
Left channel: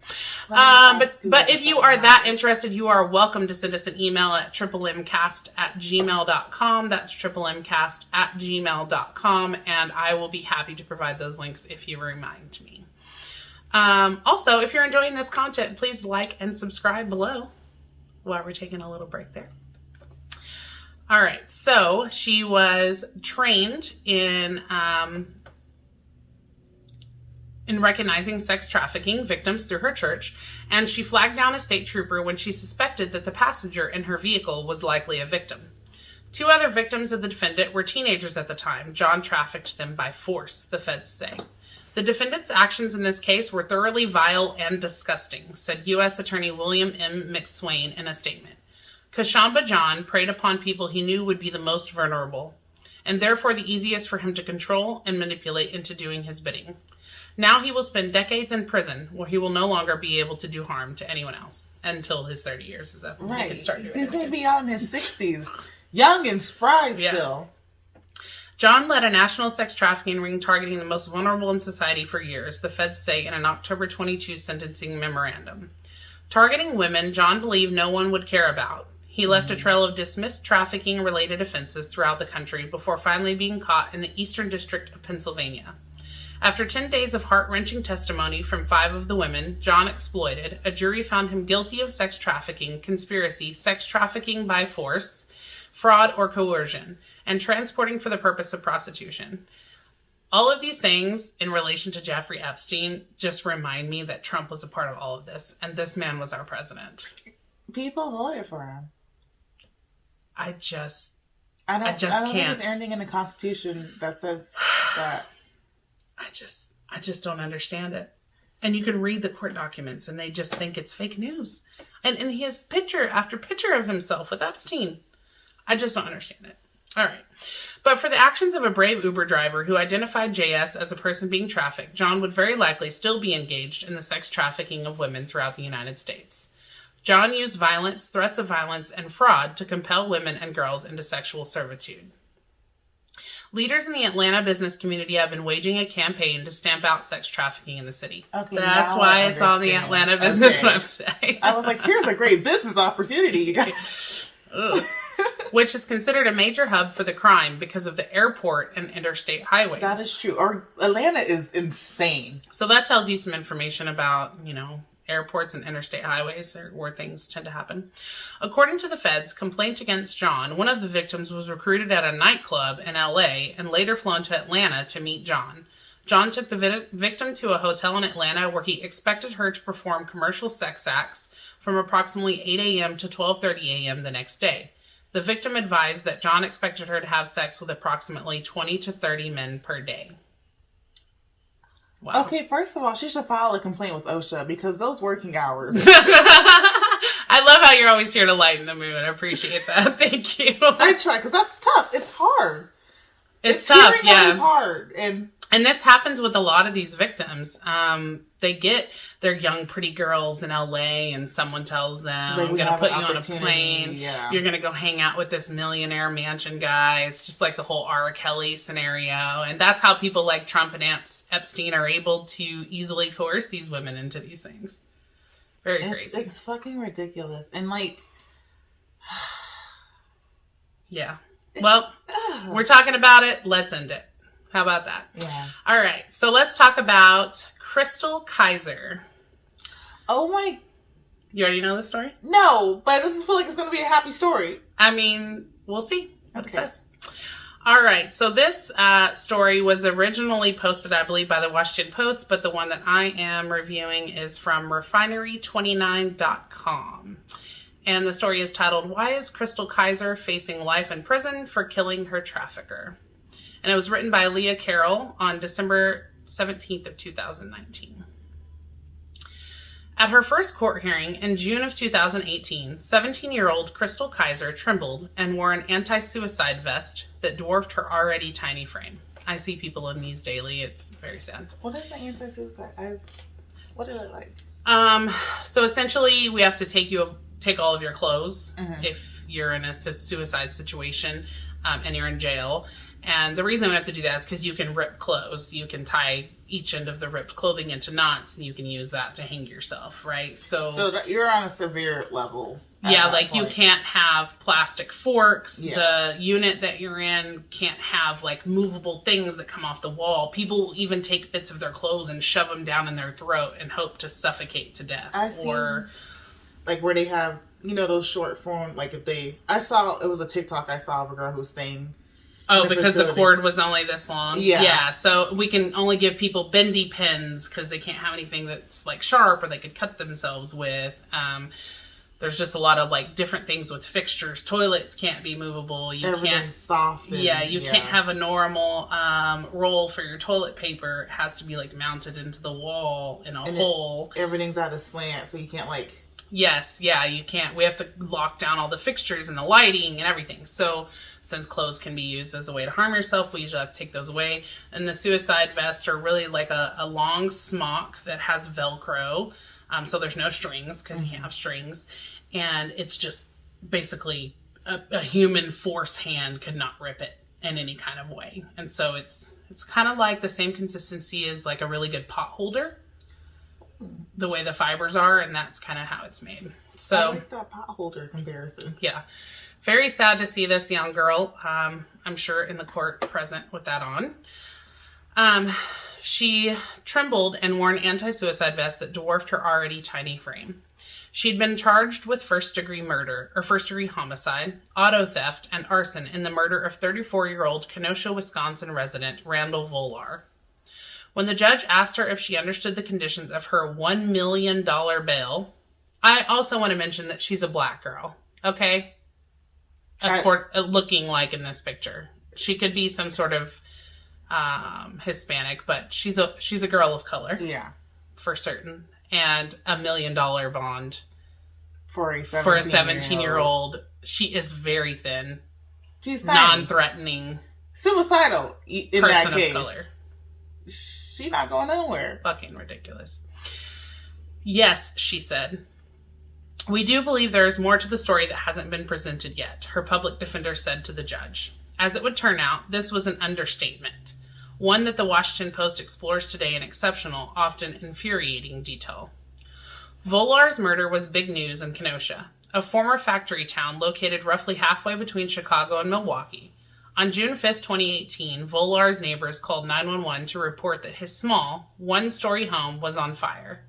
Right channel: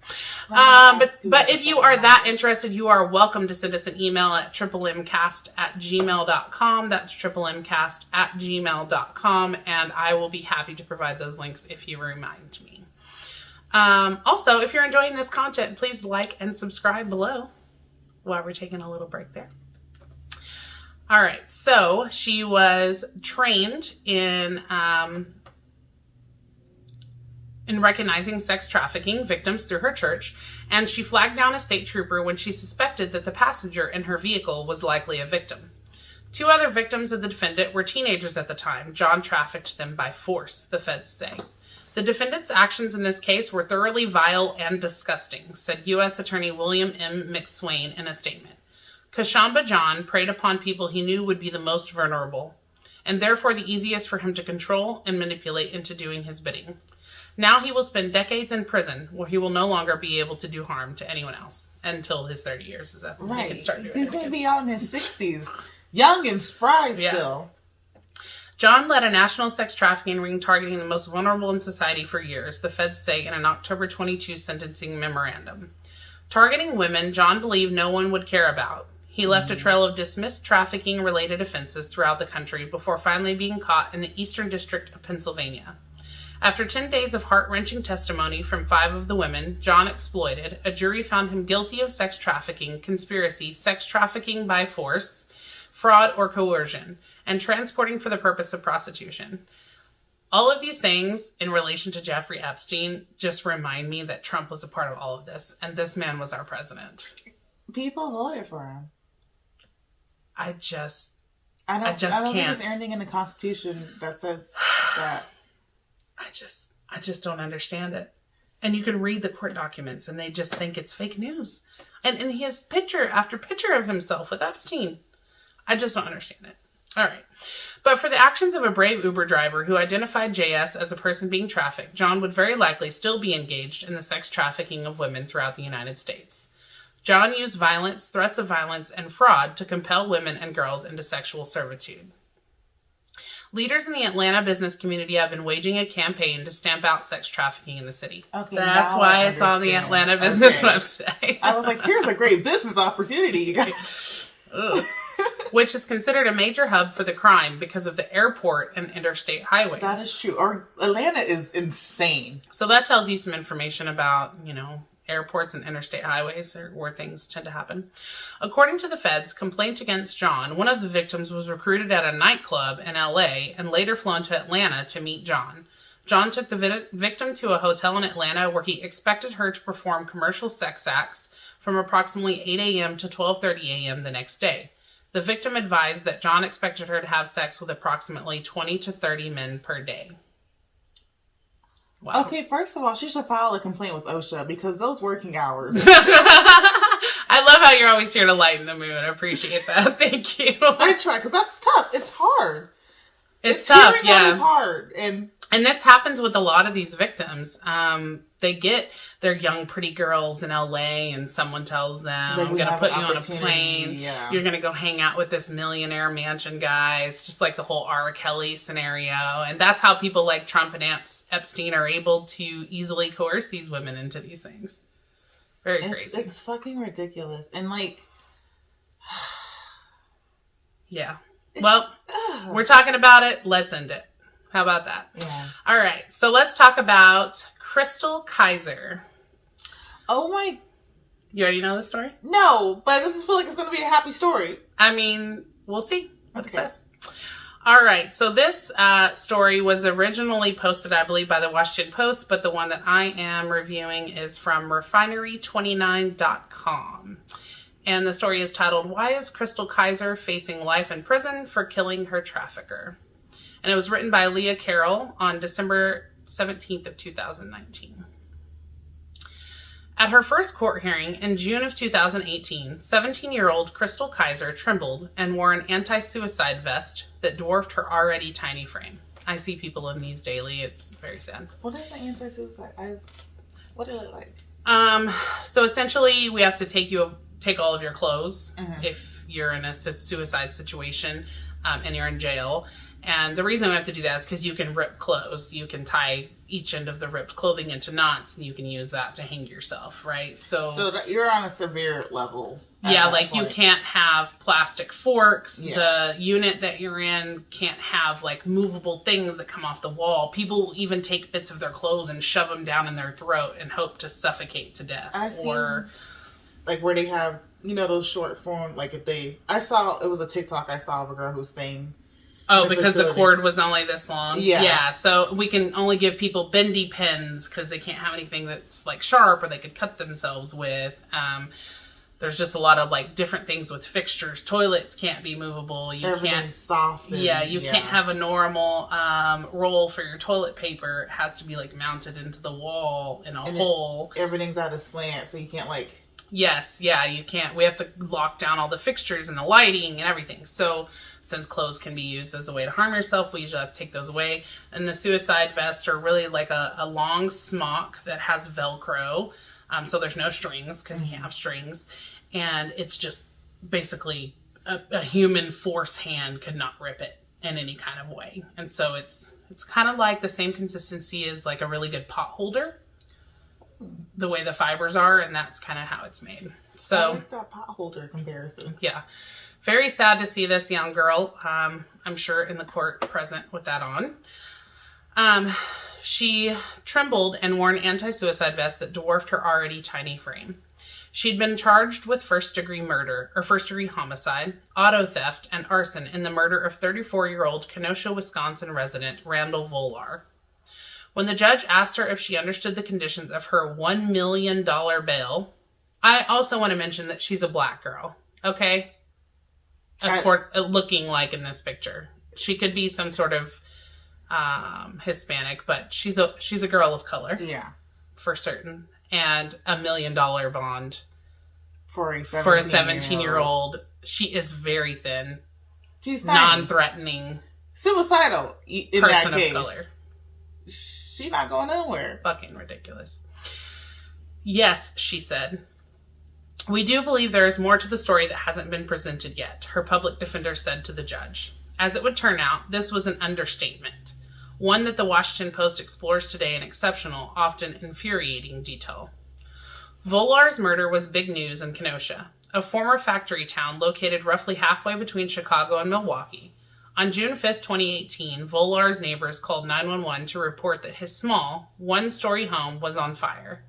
But if you are that interested, you are welcome to send us an email at tripplemcast@gmail.com. That's tripplemcast@gmail.com, and I will be happy to provide those links if you remind me. Also, if you're enjoying this content, please like and subscribe below while we're taking a little break there. All right, so she was trained in recognizing sex trafficking victims through her church, and she flagged down a state trooper when she suspected that the passenger in her vehicle was likely a victim. 2 other victims of the defendant were teenagers at the time. John trafficked them by force, the feds say. The defendant's actions in this case were thoroughly vile and disgusting, said U.S. Attorney William M. McSwain in a statement. Kashamba John preyed upon people he knew would be the most vulnerable, and therefore the easiest for him to control and manipulate into doing his bidding. Now he will spend decades in prison, where he will no longer be able to do harm to anyone else until his 30 years is up. Right. He can start doing He's it going to again. be out in his 60s. Young and spry still. John led a national sex trafficking ring targeting the most vulnerable in society for years, the feds say in an October 22 sentencing memorandum. Targeting women, John believed no one would care about. He left a trail of dismissed trafficking-related offenses throughout the country before finally being caught in the Eastern District of Pennsylvania. After 10 days of heart-wrenching testimony from 5 of the women John exploited, a jury found him guilty of sex trafficking, conspiracy, sex trafficking by force, fraud or coercion, and transporting for the purpose of prostitution. All of these things in relation to Jeffrey Epstein just remind me that Trump was a part of all of this, and this man was our president. People voted for him. I just I don't can't. think there's anything in the Constitution that says that. I just don't understand it. And you can read the court documents and they just think it's fake news. And in his picture after picture of himself with Epstein. I just don't understand it. All right. But for the actions of a brave Uber driver who identified JS as a person being trafficked, John would very likely still be engaged in the sex trafficking of women throughout the United States. John used violence, threats of violence, and fraud to compel women and girls into sexual servitude. Leaders in the Atlanta business community have been waging a campaign to stamp out sex trafficking in the city. Okay, that's why it's on the Atlanta business website. I was like, here's a great business opportunity, you guys. Which is considered a major hub for the crime because of the airport and interstate highways. That is true. Atlanta is insane. So that tells you some information about, airports and interstate highways are where things tend to happen. According to the feds, complaint against John, one of the victims was recruited at a nightclub in LA and later flown to Atlanta to meet John. John took the victim to a hotel in Atlanta where he expected her to perform commercial sex acts from approximately 8 a.m. to 12:30 a.m. the next day. The victim advised that John expected her to have sex with approximately 20 to 30 men per day. Wow. Okay, first of all, she should file a complaint with OSHA because those working hours. I love how you're always here to lighten the mood. I appreciate that. Thank you. I try because that's tough. It's hard. It's tough, yeah. It's hard. And this happens with a lot of these victims. They get their young, pretty girls in LA and someone tells them, I'm going to put you on a plane. Yeah. You're going to go hang out with this millionaire mansion guy. It's just like the whole R. Kelly scenario. And that's how people like Trump and Epstein are able to easily coerce these women into these things. Very crazy. It's fucking ridiculous. And yeah. Well, we're talking about it. Let's end it. How about that? Yeah. All right. So let's talk about Chrystul Kizer. Oh my. You already know the story? No, but I just feel like it's going to be a happy story. I mean, we'll see what it says. All right. So this story was originally posted, I believe, by the Washington Post, but the one that I am reviewing is from refinery29.com. And the story is titled, Why is Chrystul Kizer Facing Life in Prison for Killing Her Trafficker? And it was written by Leah Carroll on December 17th of 2019. At her first court hearing in June of 2018, 17-year-old Chrystul Kizer trembled and wore an anti-suicide vest that dwarfed her already tiny frame. I see people in these daily. It's very sad. What is the anti-suicide? What did it like? So essentially, we have to take all of your clothes if you're in a suicide situation and you're in jail. And the reason we have to do that is because you can rip clothes. You can tie each end of the ripped clothing into knots, and you can use that to hang yourself, right? So you're on a severe level. Yeah, like you can't have plastic forks. Yeah. The unit that you're in can't have like movable things that come off the wall. People even take bits of their clothes and shove them down in their throat and hope to suffocate to death. I've seen, like where they have, those short form, like it was a TikTok I saw of a girl who's staying. Oh, because the cord was only this long? Yeah. Yeah, so we can only give people bendy pins because they can't have anything that's like sharp or they could cut themselves with. There's just a lot of like different things with fixtures. Toilets can't be movable. Everything's soft. Can't have a normal roll for your toilet paper. It has to be like mounted into the wall in a hole. Everything's at a slant, so you can't Yes, yeah, you can't. We have to lock down all the fixtures and the lighting and everything. So since clothes can be used as a way to harm yourself, we usually have to take those away. And the suicide vests are really like a long smock that has Velcro. So there's no strings because you can't have strings. And it's just basically a human force hand could not rip it in any kind of way. And so it's kind of like the same consistency as like a really good pot holder. The way the fibers are, and that's kind of how it's made. So I like that pot holder comparison. Yeah. Very sad to see this young girl, I'm sure, in the court present with that on. She trembled and wore an anti-suicide vest that dwarfed her already tiny frame. She'd been charged with first-degree homicide, auto theft, and arson in the murder of 34-year-old Kenosha, Wisconsin resident Randall Volar. When the judge asked her if she understood the conditions of her $1 million bail, I also want to mention that she's a black girl, okay? Looking like in this picture. She could be some sort of Hispanic, but she's a girl of color. Yeah. For certain. And $1 million bond For a 17-year-old. She is very thin. She's tiny. Non-threatening. Suicidal in person that case. Of color. She not going nowhere. Fucking ridiculous. Yes, she said. We do believe there is more to the story that hasn't been presented yet, her public defender said to the judge. As it would turn out, this was an understatement. One that the Washington Post explores today in exceptional, often infuriating detail. Volar's murder was big news in Kenosha, a former factory town located roughly halfway between Chicago and Milwaukee. On June 5, 2018, Volar's neighbors called 911 to report that his small, one-story home was on fire.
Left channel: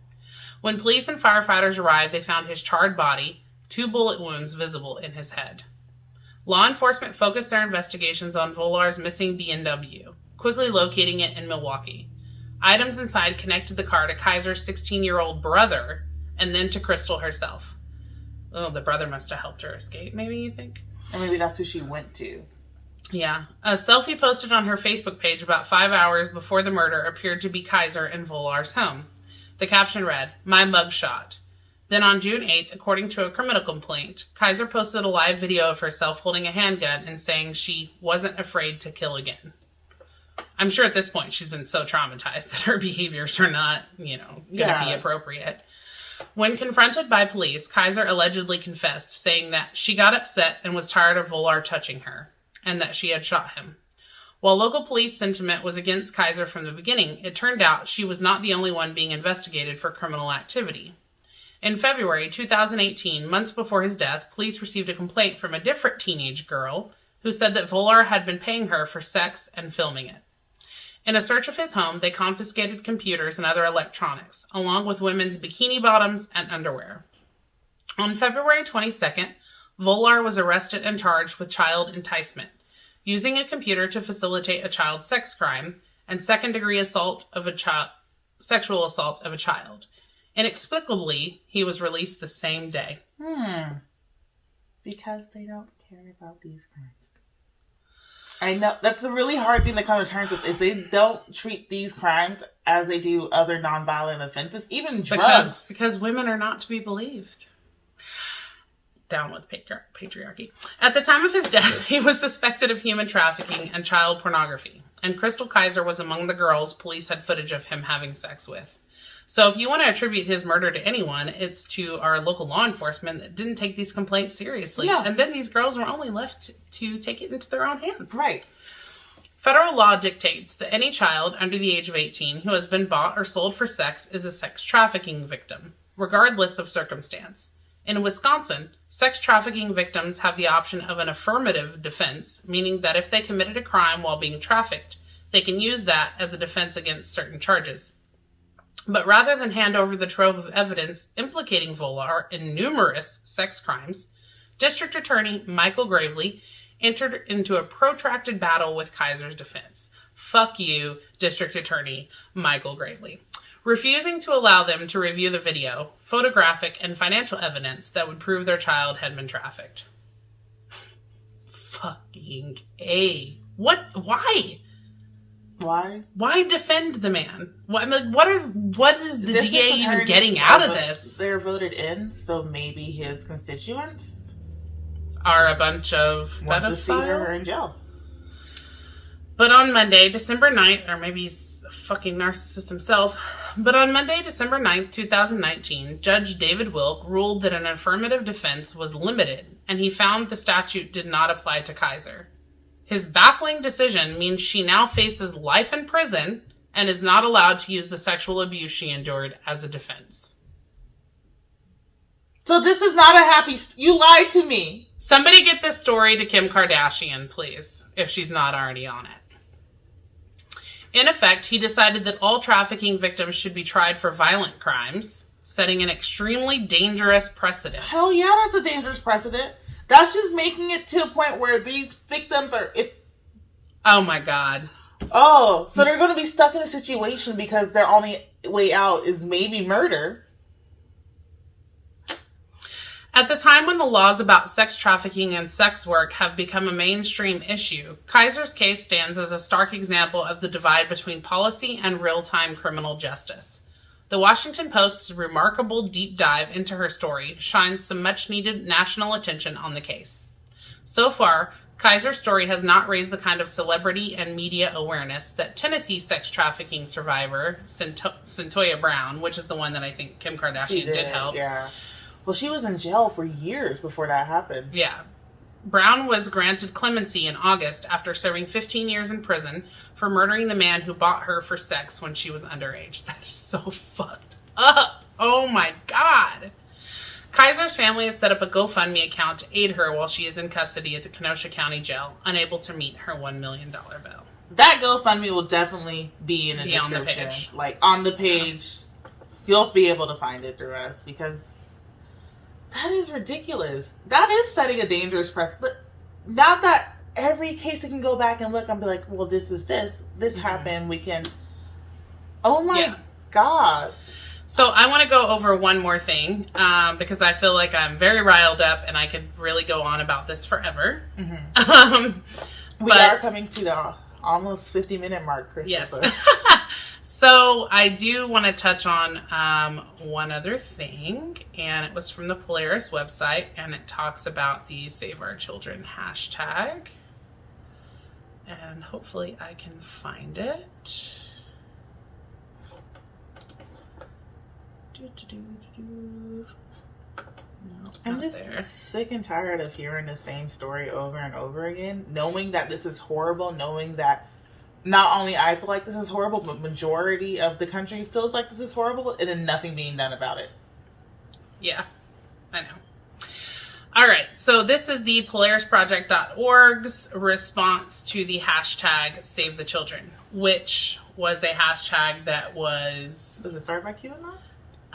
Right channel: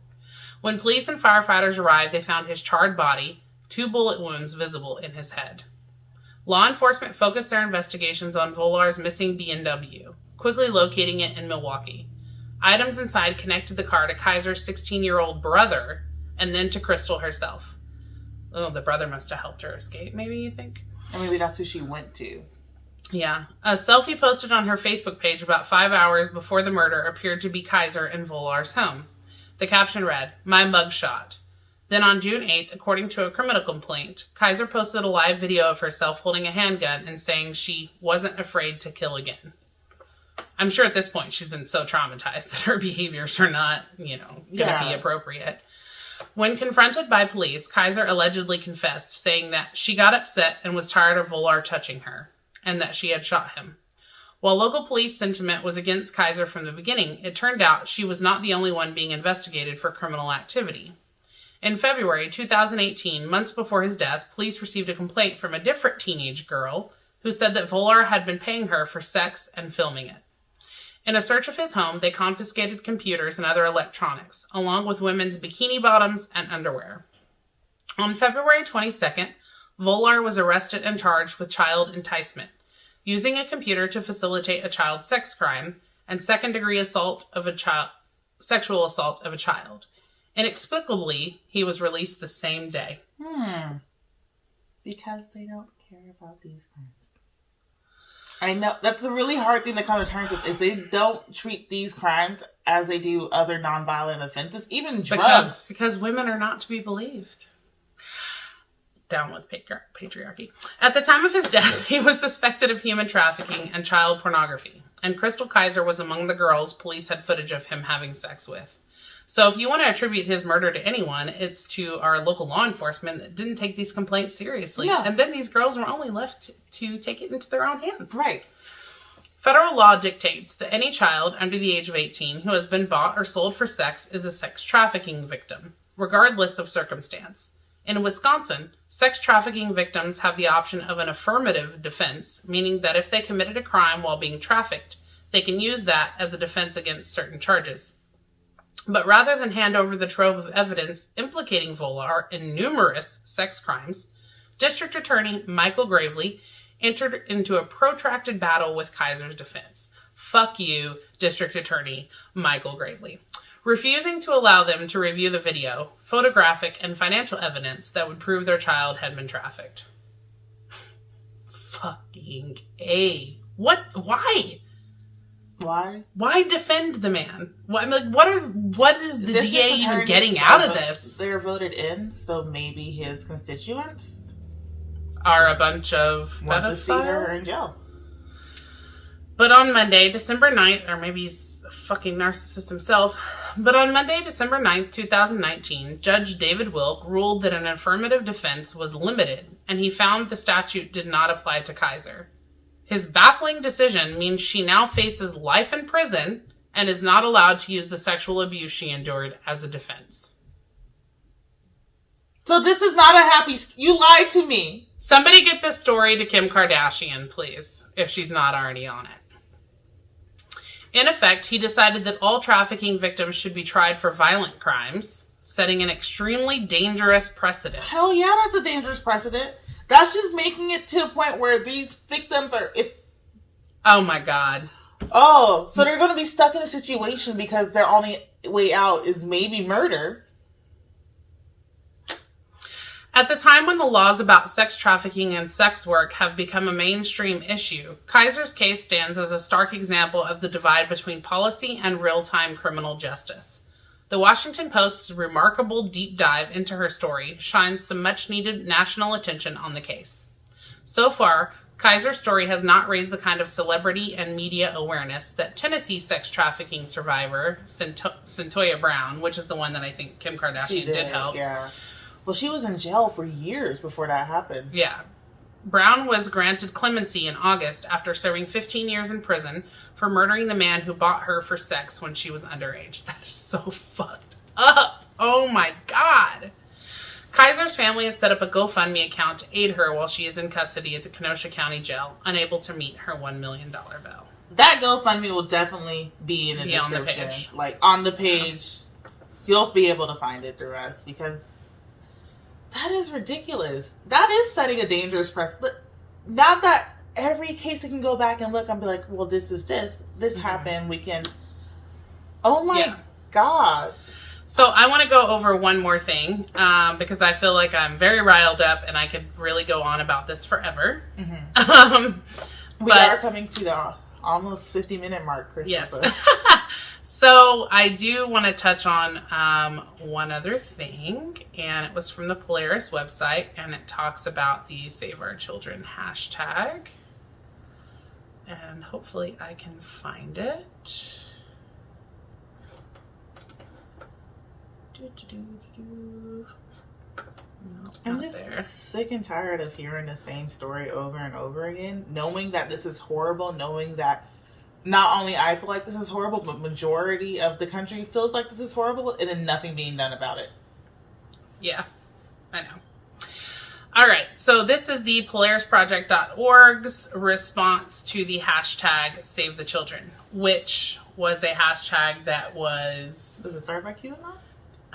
When police and firefighters arrived, they found his charred body, 2 bullet wounds visible in his head. Law enforcement focused their investigations on Volar's missing BMW, quickly locating it in Milwaukee. Items inside connected the car to Kizer's 16-year-old brother and then to Chrystul herself. Oh, the brother must have helped her escape, maybe you think? Or maybe that's who she went to. Yeah. A selfie posted on her Facebook page about 5 hours before the murder appeared to be Kizer in Volar's home. The caption read, "My mugshot." Then on June 8th, according to a criminal complaint, Kizer posted a live video of herself holding a handgun and saying she wasn't afraid to kill again. I'm sure at this point she's been so traumatized that her behaviors are not, going to be appropriate. When confronted by police, Kizer allegedly confessed, saying that she got upset and was tired of Volar touching her, and that she had shot him. While local police sentiment was against Kizer from the beginning, it turned out she was not the only one being investigated for criminal activity. In February 2018, months before his death, police received a complaint from a different teenage girl who said that Volar had been paying her for sex and filming it. In a search of his home, they confiscated computers and other electronics, along with women's bikini bottoms and underwear. On February 22nd, Volar was arrested and charged with child enticement, using a computer to facilitate a child sex crime, and second-degree assault of a child, sexual assault of a child. Inexplicably, he was released the same day. Because they don't care about these crimes. I know that's a really hard thing to come to terms with, is they don't treat these crimes as they do other nonviolent offenses, even drugs. Because women are not to be believed. Down with patriarchy. At the time of his death, he was suspected of human trafficking and child pornography, and Chrystul Kizer was among the girls police had footage of him having sex with. So if you want to attribute his murder to anyone, it's to our local law enforcement that didn't take these complaints seriously. Yeah. And then these girls were only left to take it into their own hands. Right. Federal law dictates that any child under the age of 18 who has been bought or sold for sex is a sex trafficking victim, regardless of circumstance. In Wisconsin, sex trafficking victims have the option of an affirmative defense, meaning that if they committed a crime while being trafficked, they can use that as a defense against certain charges. But rather than hand over the trove of evidence implicating Volar in numerous sex crimes, District Attorney Michael Gravely entered into a protracted battle with Kizer's defense. Fuck you, District Attorney Michael Gravely. Refusing to allow them to review the video, photographic, and financial evidence that would prove their child had been trafficked. Fucking A. What? Why? Why? Why defend the man? What is the DA even getting out of this? They're voted in, so maybe his constituents are a bunch of pedophiles. To see her in jail. But on Monday, December 9th, or maybe he's a fucking narcissist himself, but on Monday, December 9th, 2019, Judge David Wilk ruled that an affirmative defense was limited, and he found the statute did not apply to Kizer. His baffling decision means she now faces life in prison and is not allowed to use the sexual abuse she endured as a defense. So this is not a happy... You lied to me. Somebody get this story to Kim Kardashian, please, if she's not already on it. In effect, he decided that all trafficking victims should be tried for violent crimes, setting an extremely dangerous precedent. Hell yeah, that's a dangerous precedent. That's just making it to a point where these victims are... Oh my God. Oh, so they're going to be stuck in a situation because their only way out is maybe murder. At the time when the laws about sex trafficking and sex work have become a mainstream issue, Kizer's case stands as a stark example of the divide between policy and real-time criminal justice. The Washington Post's remarkable deep dive into her story shines some much-needed national attention on the case. So far, Kizer's story has not raised the kind of celebrity and media awareness that Tennessee sex trafficking survivor Centoya Brown, which is the one that I think Kim Kardashian did help. Yeah. Well, she was in jail for years before that happened. Yeah. Brown was granted clemency in August after serving 15 years in prison for murdering the man who bought her for sex when she was underage. That is so fucked up. Oh my God. Kizer's family has set up a GoFundMe account to aid her while she is in custody at the Kenosha County Jail, unable to meet her $1 million bail. That GoFundMe will definitely be in the description. On the page. Like, on the page. You'll be able to find it through us, because that is ridiculous. That is setting a dangerous precedent. Not that every case you can go back and look and be like, well, this is this. This happened. We can... Oh my God. So I want to go over one more thing, because I feel like I'm very riled up and I could really go on about this forever. We are coming to the almost 50-minute mark, Chrystul. Yes. So I do want to touch on one other thing, and it was from the Polaris website, and it talks about the Save Our Children hashtag. And hopefully I can find it. No, I'm just sick and tired of hearing the same story over and over again, knowing that this is horrible, knowing that not only I feel like this is horrible, but majority of the country feels like this is horrible, and then nothing being done about it. Yeah, I know. All right, so this is the PolarisProject.org's response to the hashtag Save the Children, which was a hashtag that was... Was it started by QAnon?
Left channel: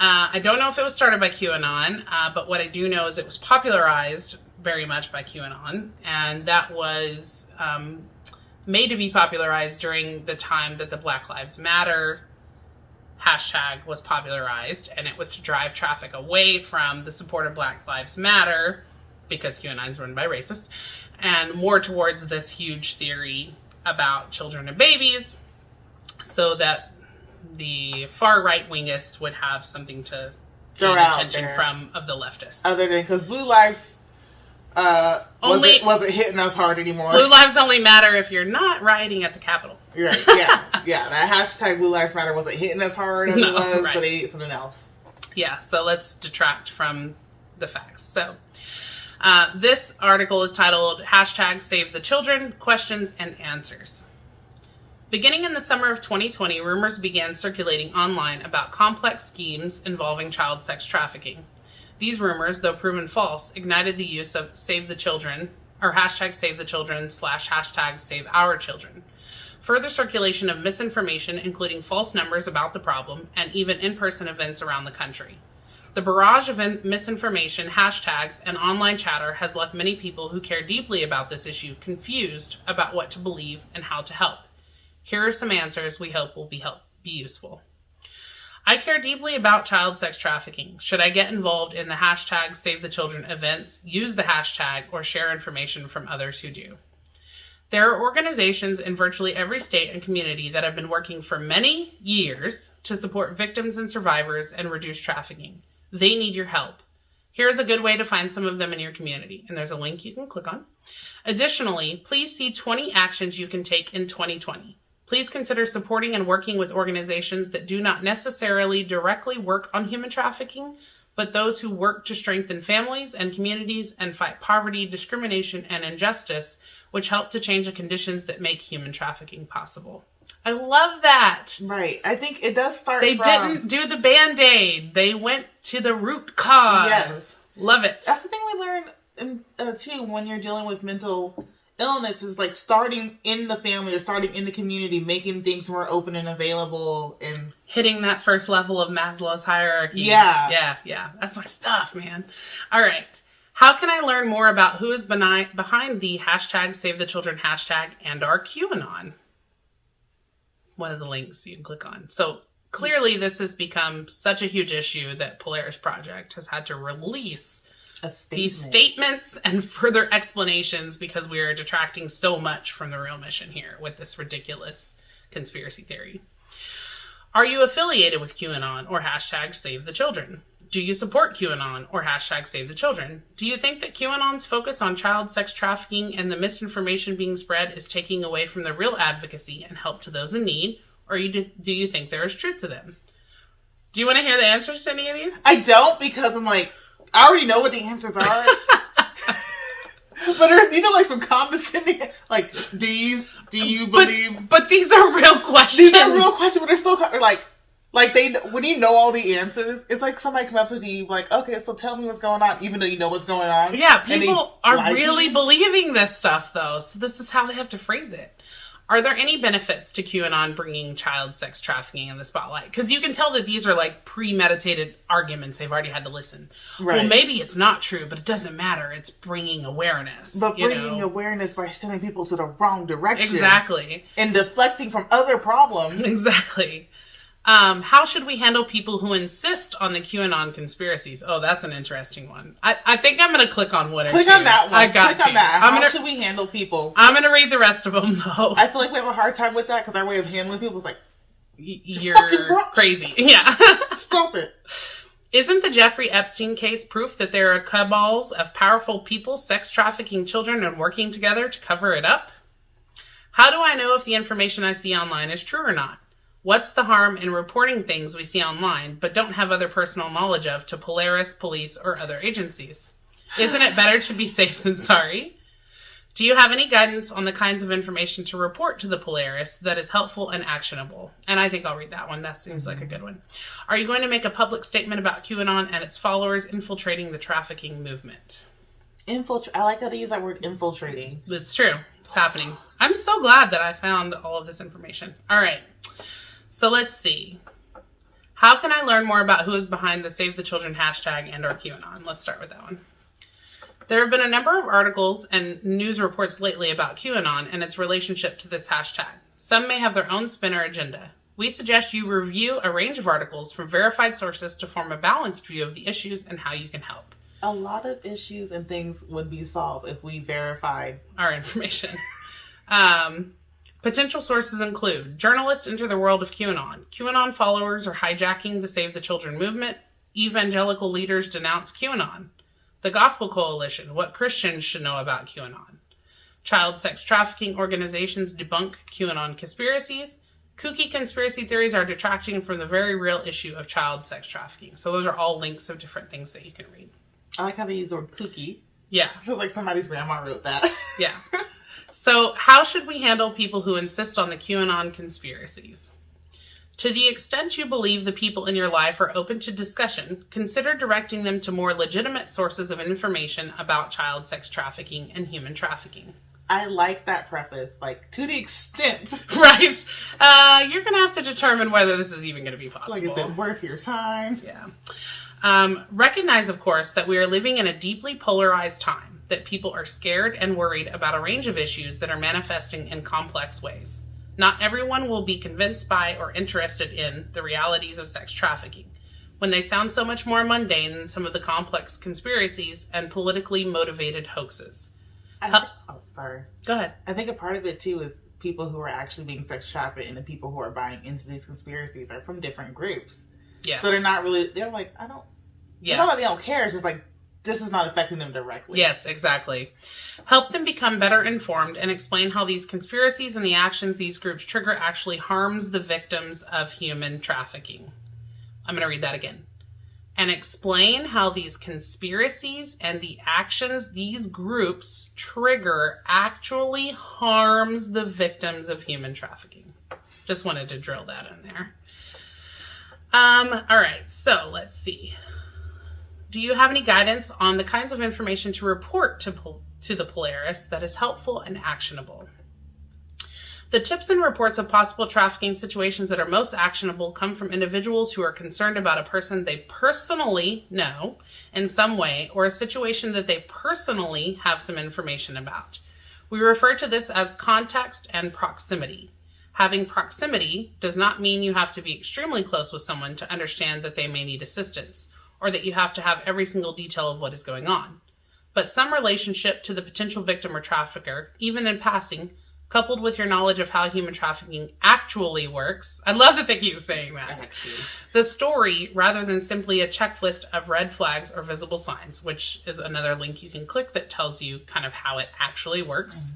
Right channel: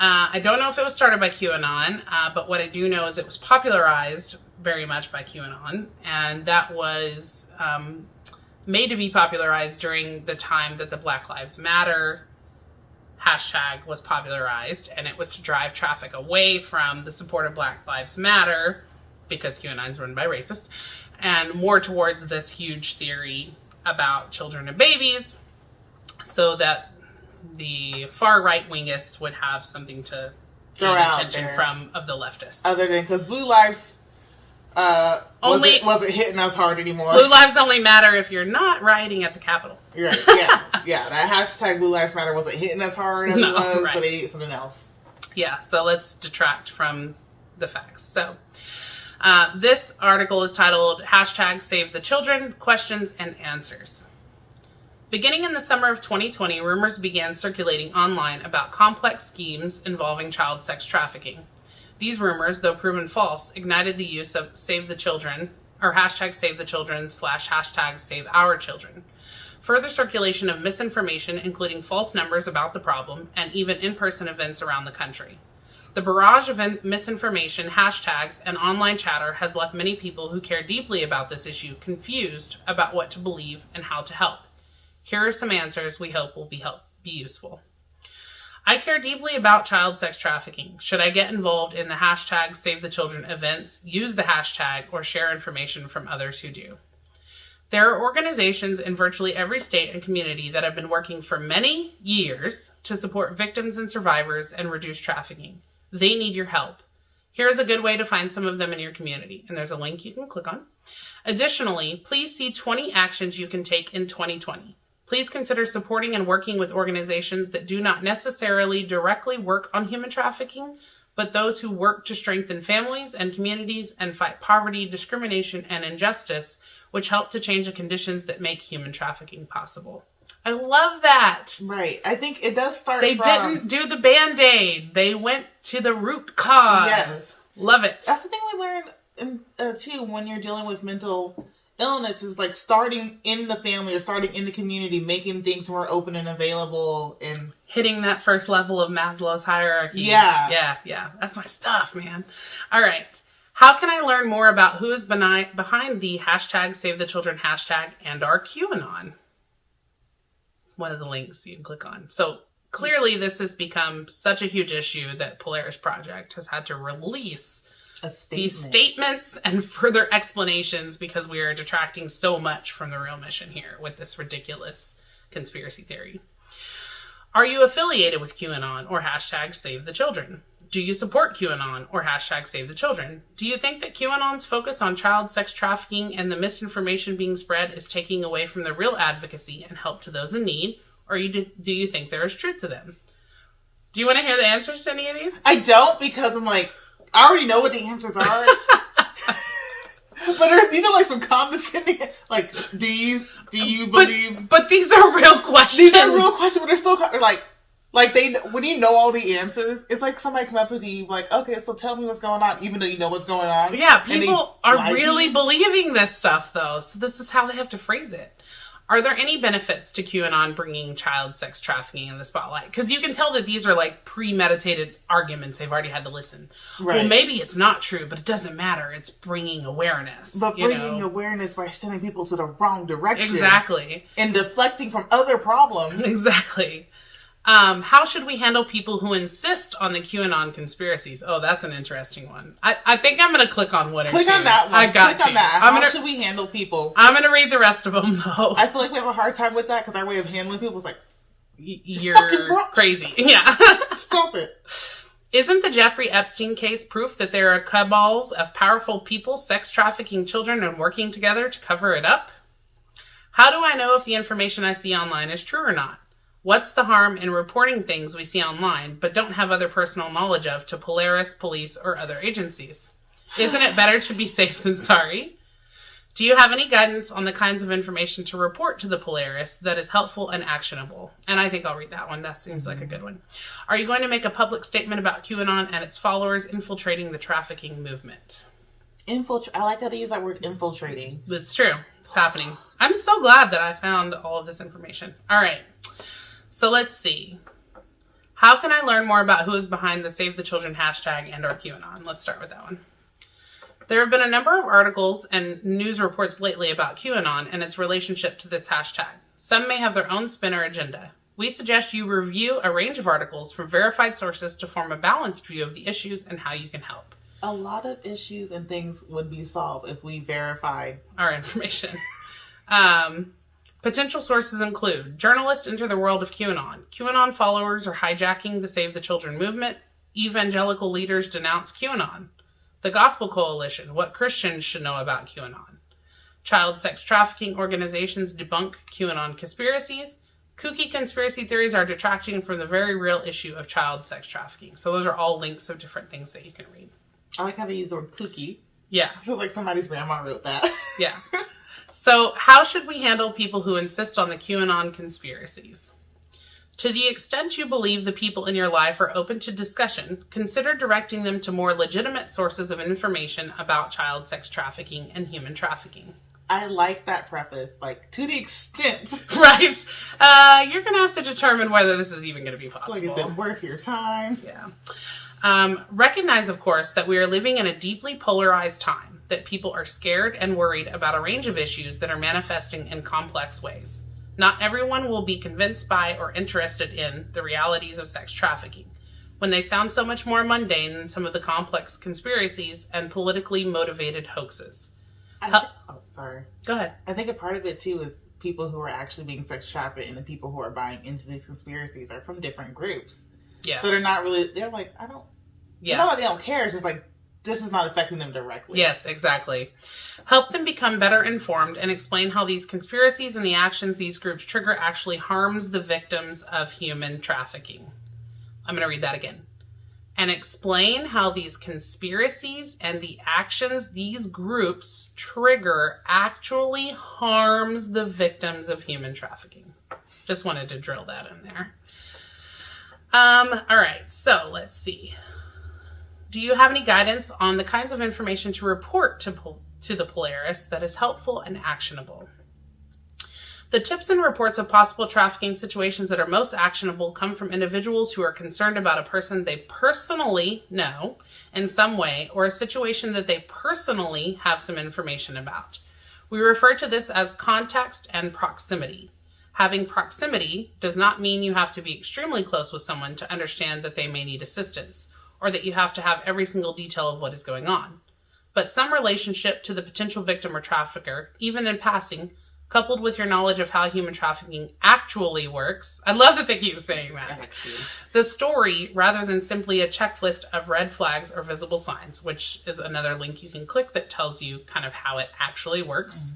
I don't know if it was started by QAnon, but what I do know is it was popularized very much by QAnon, and that was made to be popularized during the time that the Black Lives Matter hashtag was popularized, and it was to drive traffic away from the support of Black Lives Matter, because QAnon is run by racists, and more towards this huge theory about children and babies, so that the far right wingists would have something to gain attention from of the leftists. Other than because Blue Lives wasn't hitting us hard anymore. Blue Lives only matter if you're not rioting at the Capitol. Right, yeah. That hashtag Blue Lives Matter wasn't hitting us hard as it was, right. So they did something else. Yeah, so let's detract from the facts. So this article is titled hashtag Save the Children, Questions and Answers. Beginning in the summer of 2020, rumors began circulating online about complex schemes involving child sex trafficking. These rumors, though proven false, ignited the use of Save the Children, or hashtag Save the Children / hashtag Save Our Children. Further circulation of misinformation, including false numbers about the problem, and even in-person events around the country. The barrage of misinformation, hashtags, and online chatter has left many people who care deeply about this issue confused about what to believe and how to help. Here are some answers we hope will be useful. I care deeply about child sex trafficking. Should I get involved in the hashtag Save the Children events, use the hashtag, or share information from others who do? There are organizations in virtually every state and community that have been working for many years to support victims and survivors and reduce trafficking. They need your help. Here's a good way to find some of them in your community, and there's a link you can click on. Additionally, please see 20 actions you can take in 2020. Please consider supporting and working with organizations that do not necessarily directly work on human trafficking, but those who work to strengthen families and communities and fight poverty, discrimination, and injustice, which help to change the conditions that make human trafficking possible. I love that. Right. I think it does start They didn't do the Band-Aid. They went to the root cause. Yes. Love it. That's the thing we learned, too, when you're dealing with mental illness, is like starting in the family or starting in the community, making things more open and available, and hitting that first level of Maslow's hierarchy. Yeah. That's my stuff, man. All right. How can I learn more about who is behind the hashtag Save the Children hashtag and our QAnon? One of the links you can click on. So clearly this has become such a huge issue that Polaris Project has had to release these statements and further explanations because we are detracting so much from the real mission here with this ridiculous conspiracy theory. Are you affiliated with QAnon or hashtag Save the Children? Do you support QAnon or hashtag Save the Children? Do you think that QAnon's focus on child sex trafficking and the misinformation being spread is taking away from the real advocacy and help to those in need? Or do you think there is truth to them? Do you want to hear the answers to any of these? I don't, because I'm like, I already know what the answers are. But these are like some condescending, like, do you believe? But these are real questions. These are real questions, but they're still like they, when you know all the answers, it's like somebody come up with you like, okay, so tell me what's going on, even though you know what's going on. Yeah, people are really believing this stuff, though. So this is how they have to phrase it. Are there any benefits to QAnon bringing child sex trafficking in the spotlight? Because you can tell that these are like premeditated arguments they've already had to listen. Right. Well, maybe it's not true, but it doesn't matter. It's bringing awareness. But bringing awareness by sending people to the wrong direction. Exactly. And deflecting from other problems. Exactly. How should we handle people who insist on the QAnon conspiracies? Oh, that's an interesting one. I think I'm going to click on one or two. Click on that one. I got click on that. How should we handle people? I'm going to read the rest of them, though. I feel like we have a hard time with that because our way of handling people is like, you're crazy. Yeah. Stop it. Isn't the Jeffrey Epstein case proof that there are cabals of powerful people sex trafficking children and working together to cover it up? How do I know if the information I see online is true or not? What's the harm in reporting things we see online but don't have other personal knowledge of to Polaris, police, or other agencies? Isn't it better to be safe than sorry? Do you have any guidance on the kinds of information to report to the Polaris that is helpful and actionable? And I think I'll read that one. That seems like a good one. Are you going to make a public statement about QAnon and its followers infiltrating the trafficking movement? I like how they use that word, infiltrating. It's true. It's happening. I'm so glad that I found all of this information. All right. So let's see. How can I learn more about who is behind the Save the Children hashtag and or QAnon? Let's start with that one. There have been a number of articles and news reports lately about QAnon and its relationship to this hashtag. Some may have their own spin or agenda. We suggest you review a range of articles from verified sources to form a balanced view of the issues and how you can help. A lot of issues and things would be solved if we verified our information. Potential sources include journalists enter the world of QAnon. QAnon followers are hijacking the Save the Children movement. Evangelical leaders denounce QAnon. The Gospel Coalition, what Christians should know about QAnon. Child sex trafficking organizations debunk QAnon conspiracies. Kooky conspiracy theories are detracting from the very real issue of child sex trafficking. So those are all links of different things that you can read. I like how they use the word kooky. Yeah. It feels like somebody's grandma wrote that. Yeah. So how should we handle people who insist on the QAnon conspiracies? To the extent you believe the people in your life are open to discussion, consider directing them to more legitimate sources of information about child sex trafficking and human trafficking. I like that preface, like, to the extent. Right. You're going to have to determine whether this is even going to be possible. Like, is it worth your time? Yeah. Recognize, of course, that we are living in a deeply polarized time, that people are scared and worried about a range of issues that are manifesting in complex ways. Not everyone will be convinced by or interested in the realities of sex trafficking, when they sound so much more mundane than some of the complex conspiracies and politically motivated hoaxes. Sorry. Go ahead. I think a part of it, too, is people who are actually being sex trafficked and the people who are buying into these conspiracies are from different groups. Yeah. So they're not really, they're like, I don't, yeah. It's not like they don't care, it's just like, this is not affecting them directly. Yes, exactly. Help them become better informed and explain how these conspiracies and the actions these groups trigger actually harms the victims of human trafficking. I'm going to read that again. And explain how these conspiracies and the actions these groups trigger actually harms the victims of human trafficking. Just wanted to drill that in there. All right, so let's see. Do you have any guidance on the kinds of information to report to the Polaris that is helpful and actionable? The tips and reports of possible trafficking situations that are most actionable come from individuals who are concerned about a person they personally know in some way or a situation that they personally have some information about. We refer to this as context and proximity. Having proximity does not mean you have to be extremely close with someone to understand that they may need assistance, or that you have to have every single detail of what is going on. But some relationship to the potential victim or trafficker, even in passing, coupled with your knowledge of how human trafficking actually works. I love that they keep saying that. Actually. The story, rather than simply a checklist of red flags or visible signs, which is another link you can click that tells you kind of how it actually works.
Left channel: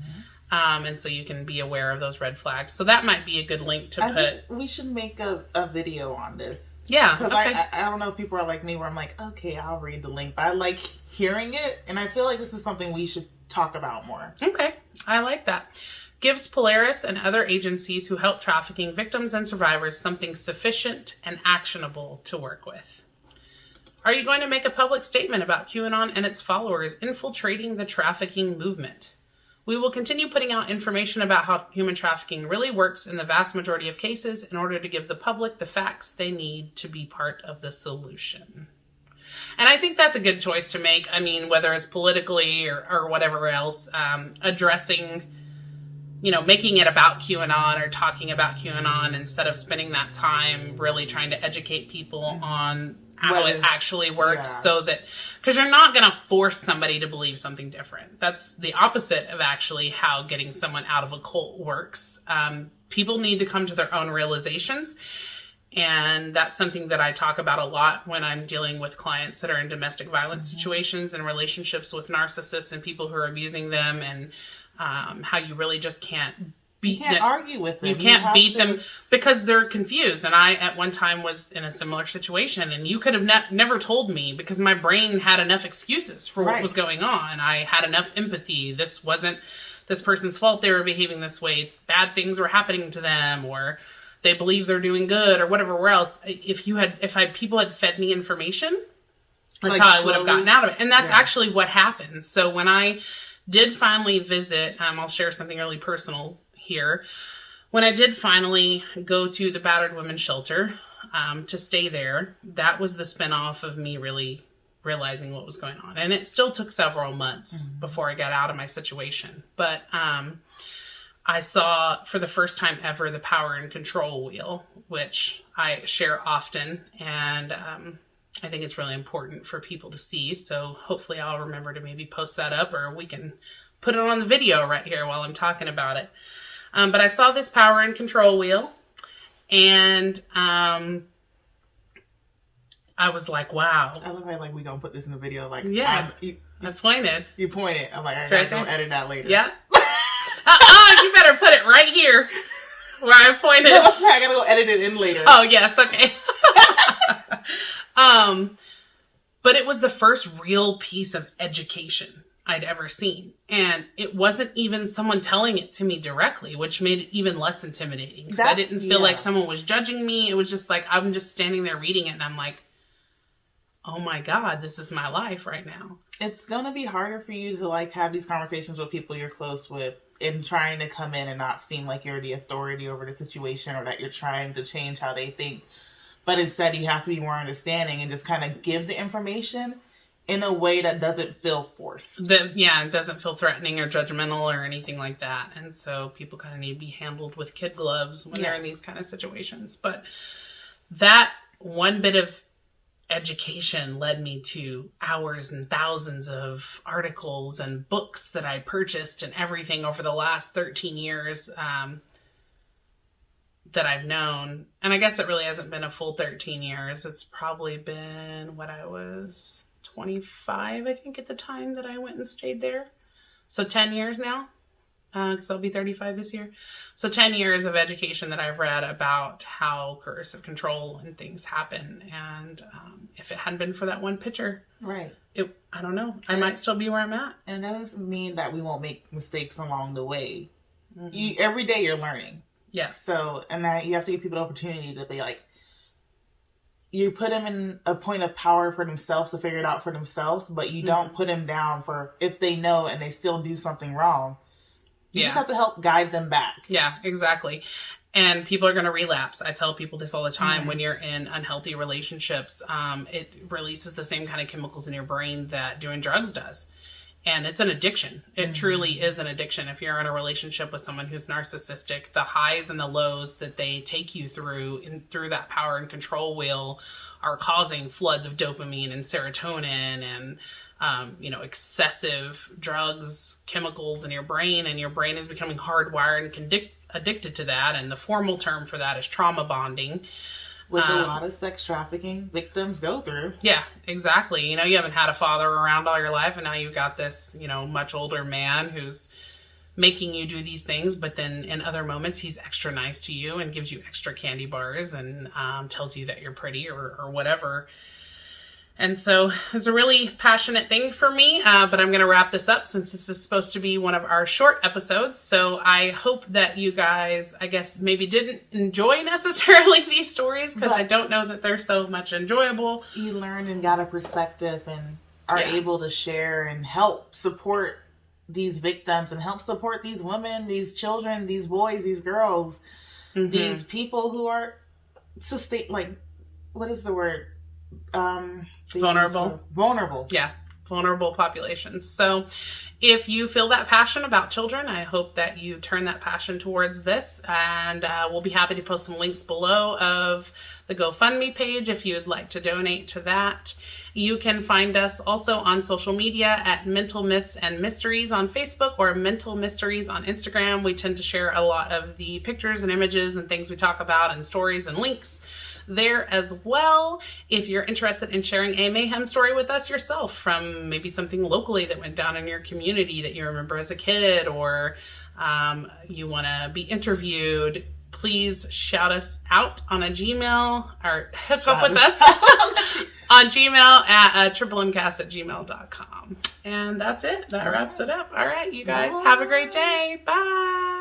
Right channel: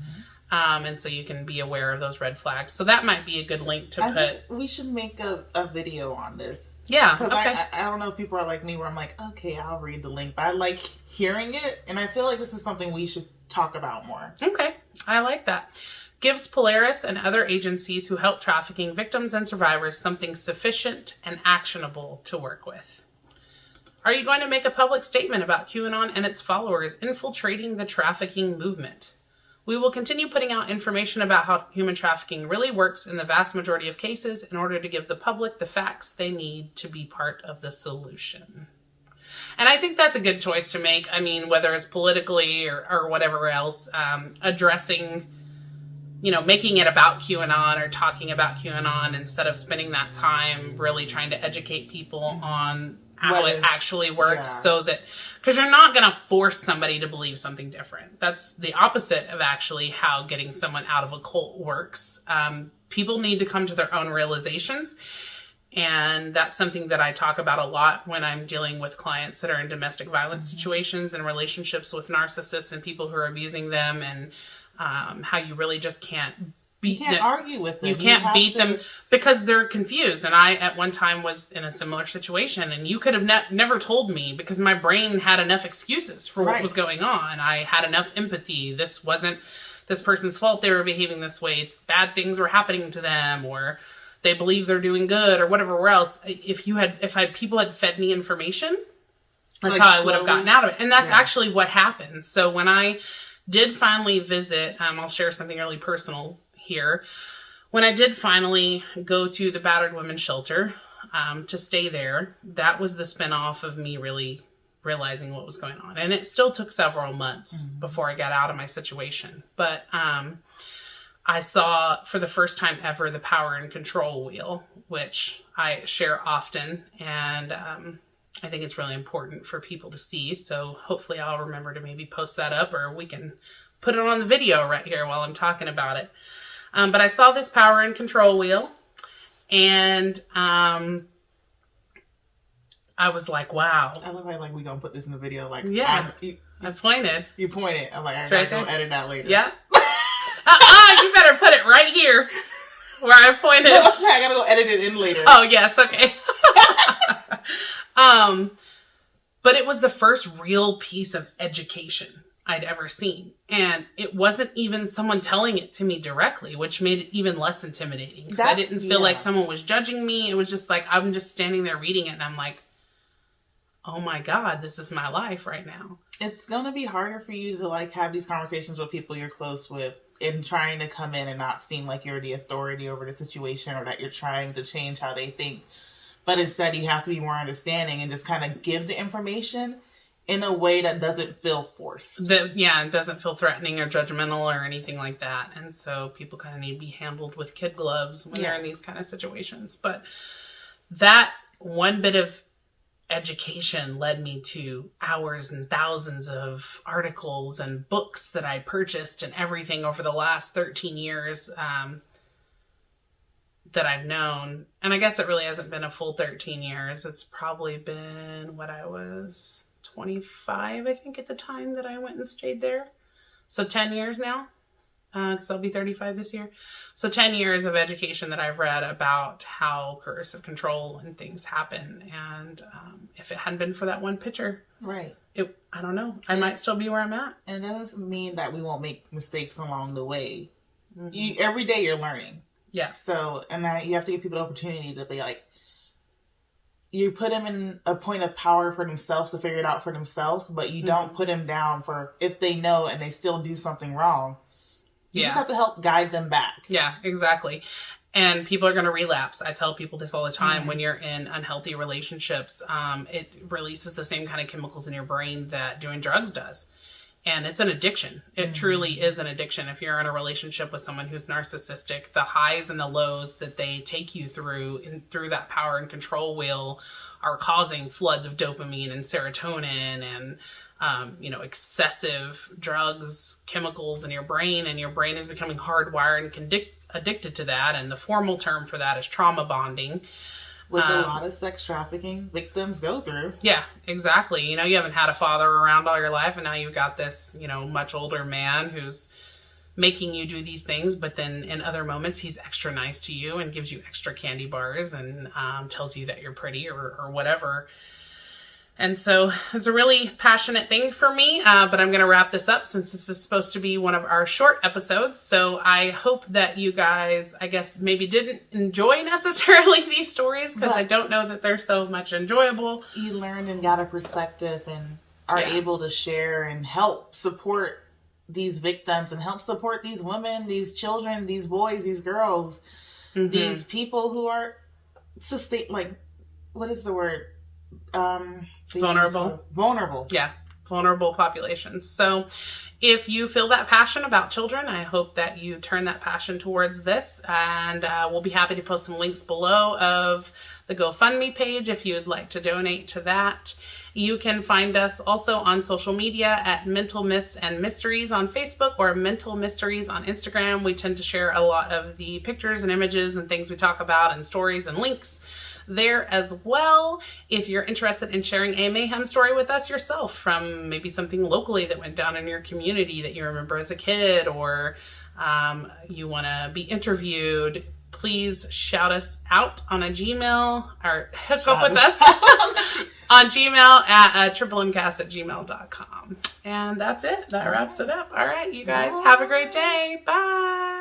And so you can be aware of those red flags. So that might be a good link to put. Think we should make a video on this. Yeah. Because okay. I don't know if people are like me where I'm like, okay, I'll read the link. But I like hearing it. And I feel like this is something we should talk about more. Okay. I like that. Gives Polaris and other agencies who help trafficking victims and survivors something sufficient and actionable to work with. Are you going to make a public statement about QAnon and its followers infiltrating the trafficking movement? We will continue putting out information about how human trafficking really works in the vast majority of cases in order to give the public the facts they need to be part of the solution. And I think that's a good choice to make. I mean, whether it's politically or whatever else, addressing, making it about QAnon or talking about QAnon instead of spending that time really trying to educate people on how it actually works, so that, because you're not going to force somebody to believe something different. That's the opposite of actually how getting someone out of a cult works. People need to come to their own realizations. And that's something that I talk about a lot when I'm dealing with clients that are in domestic violence situations and relationships with narcissists and people who are abusing them, and how you really just can't beat them. You can't argue with them. You can't beat them because they're confused. And I, at one time, was in a similar situation. And you could have never told me because my brain had enough excuses for what was going on. I had enough empathy. This wasn't this person's fault they were behaving this way. Bad things were happening to them, or they believe they're doing good, or whatever else. If people had fed me information, that's how I would have gotten out of it. And that's actually what happened. So when I did finally visit, I'll share something really personal here. When I did finally go to the battered women's shelter to stay there, that was the spinoff of me really realizing what was going on. And it still took several months before I got out of my situation. But I saw for the first time ever the power and control wheel, which I share often. And I think it's really important for people to see. So hopefully I'll remember to maybe post that up, or we can put it on the video right here while I'm talking about it. But I saw this power and control wheel, and I was like, wow. I love how we're going to put this in the video. Like, yeah, I pointed. You pointed. I'm like, I got to go edit that later. Yeah. You better put it right here where I pointed. No, I got to go edit it in later. Oh, yes. Okay. But it was the first real piece of education I'd ever seen. And it wasn't even someone telling it to me directly, which made it even less intimidating. Because I didn't feel like someone was judging me. It was just like, I'm just standing there reading it, and I'm like, oh my God, this is my life right now. It's going to be harder for you to have these conversations with people you're close with, and trying to come in and not seem like you're the authority over the situation, or that you're trying to change how they think. But instead, you have to be more understanding and just kind of give the information in a way that doesn't feel forced. It doesn't feel threatening or judgmental or anything like that. And so people kind of need to be handled with kid gloves when they're in these kind of situations. But that one bit of education led me to hours and thousands of articles and books that I purchased and everything over the last 13 years that I've known. And I guess it really hasn't been a full 13 years. It's probably been what I was 25, I think, at the time that I went and stayed there. So 10 years now, because I'll be 35 this year. So 10 years of education that I've read about how coercive control and things happen. And if it hadn't been for that one picture, I don't know. I might still be where I'm at. And that doesn't mean that we won't make mistakes along the way. Every day you're learning. Yeah. So, and you have to give people the opportunity to be like, you put them in a point of power for themselves to figure it out for themselves, but you don't put them down for if they know and they still do something wrong. You just have to help guide them back. Yeah, exactly. And people are going to relapse. I tell people this all the time. When you're in unhealthy relationships, it releases the same kind of chemicals in your brain that doing drugs does. And it's an addiction. It truly is an addiction. If you're in a relationship with someone who's narcissistic, the highs and the lows that they take you through that power and control wheel are causing floods of dopamine and serotonin and excessive drugs, chemicals in your brain, and your brain is becoming hardwired and addicted to that. And the formal term for that is trauma bonding. Which a lot of sex trafficking victims go through. Yeah, exactly. You haven't had a father around all your life, and now you've got this, much older man who's making you do these things, but then in other moments he's extra nice to you and gives you extra candy bars and tells you that you're pretty or whatever. And so it's a really passionate thing for me, but I'm going to wrap this up since this is supposed to be one of our short episodes. So I hope that you guys, I guess, maybe didn't enjoy necessarily these stories, because I don't know that they're so much enjoyable. You learned and got a perspective and are able to share and help support these victims and help support these women, these children, these boys, these girls, these people who are what is the word? Vulnerable. Yeah. Vulnerable populations. So if you feel that passion about children, I hope that you turn that passion towards this, and we'll be happy to post some links below of the GoFundMe page if you'd like to donate to that. You can find us also on social media at Mental Myths and Mysteries on Facebook or Mental Mysteries on Instagram. We tend to share a lot of the pictures and images and things we talk about and stories and links there as well. If you're interested in sharing a mayhem story with us yourself, from maybe something locally that went down in your community that you remember as a kid, or you want to be interviewed, please shout us out on a Gmail or hook up with us on Gmail at triplemmcast@gmail.com. And that's it. That wraps it up. All right, you guys have a great day. Bye.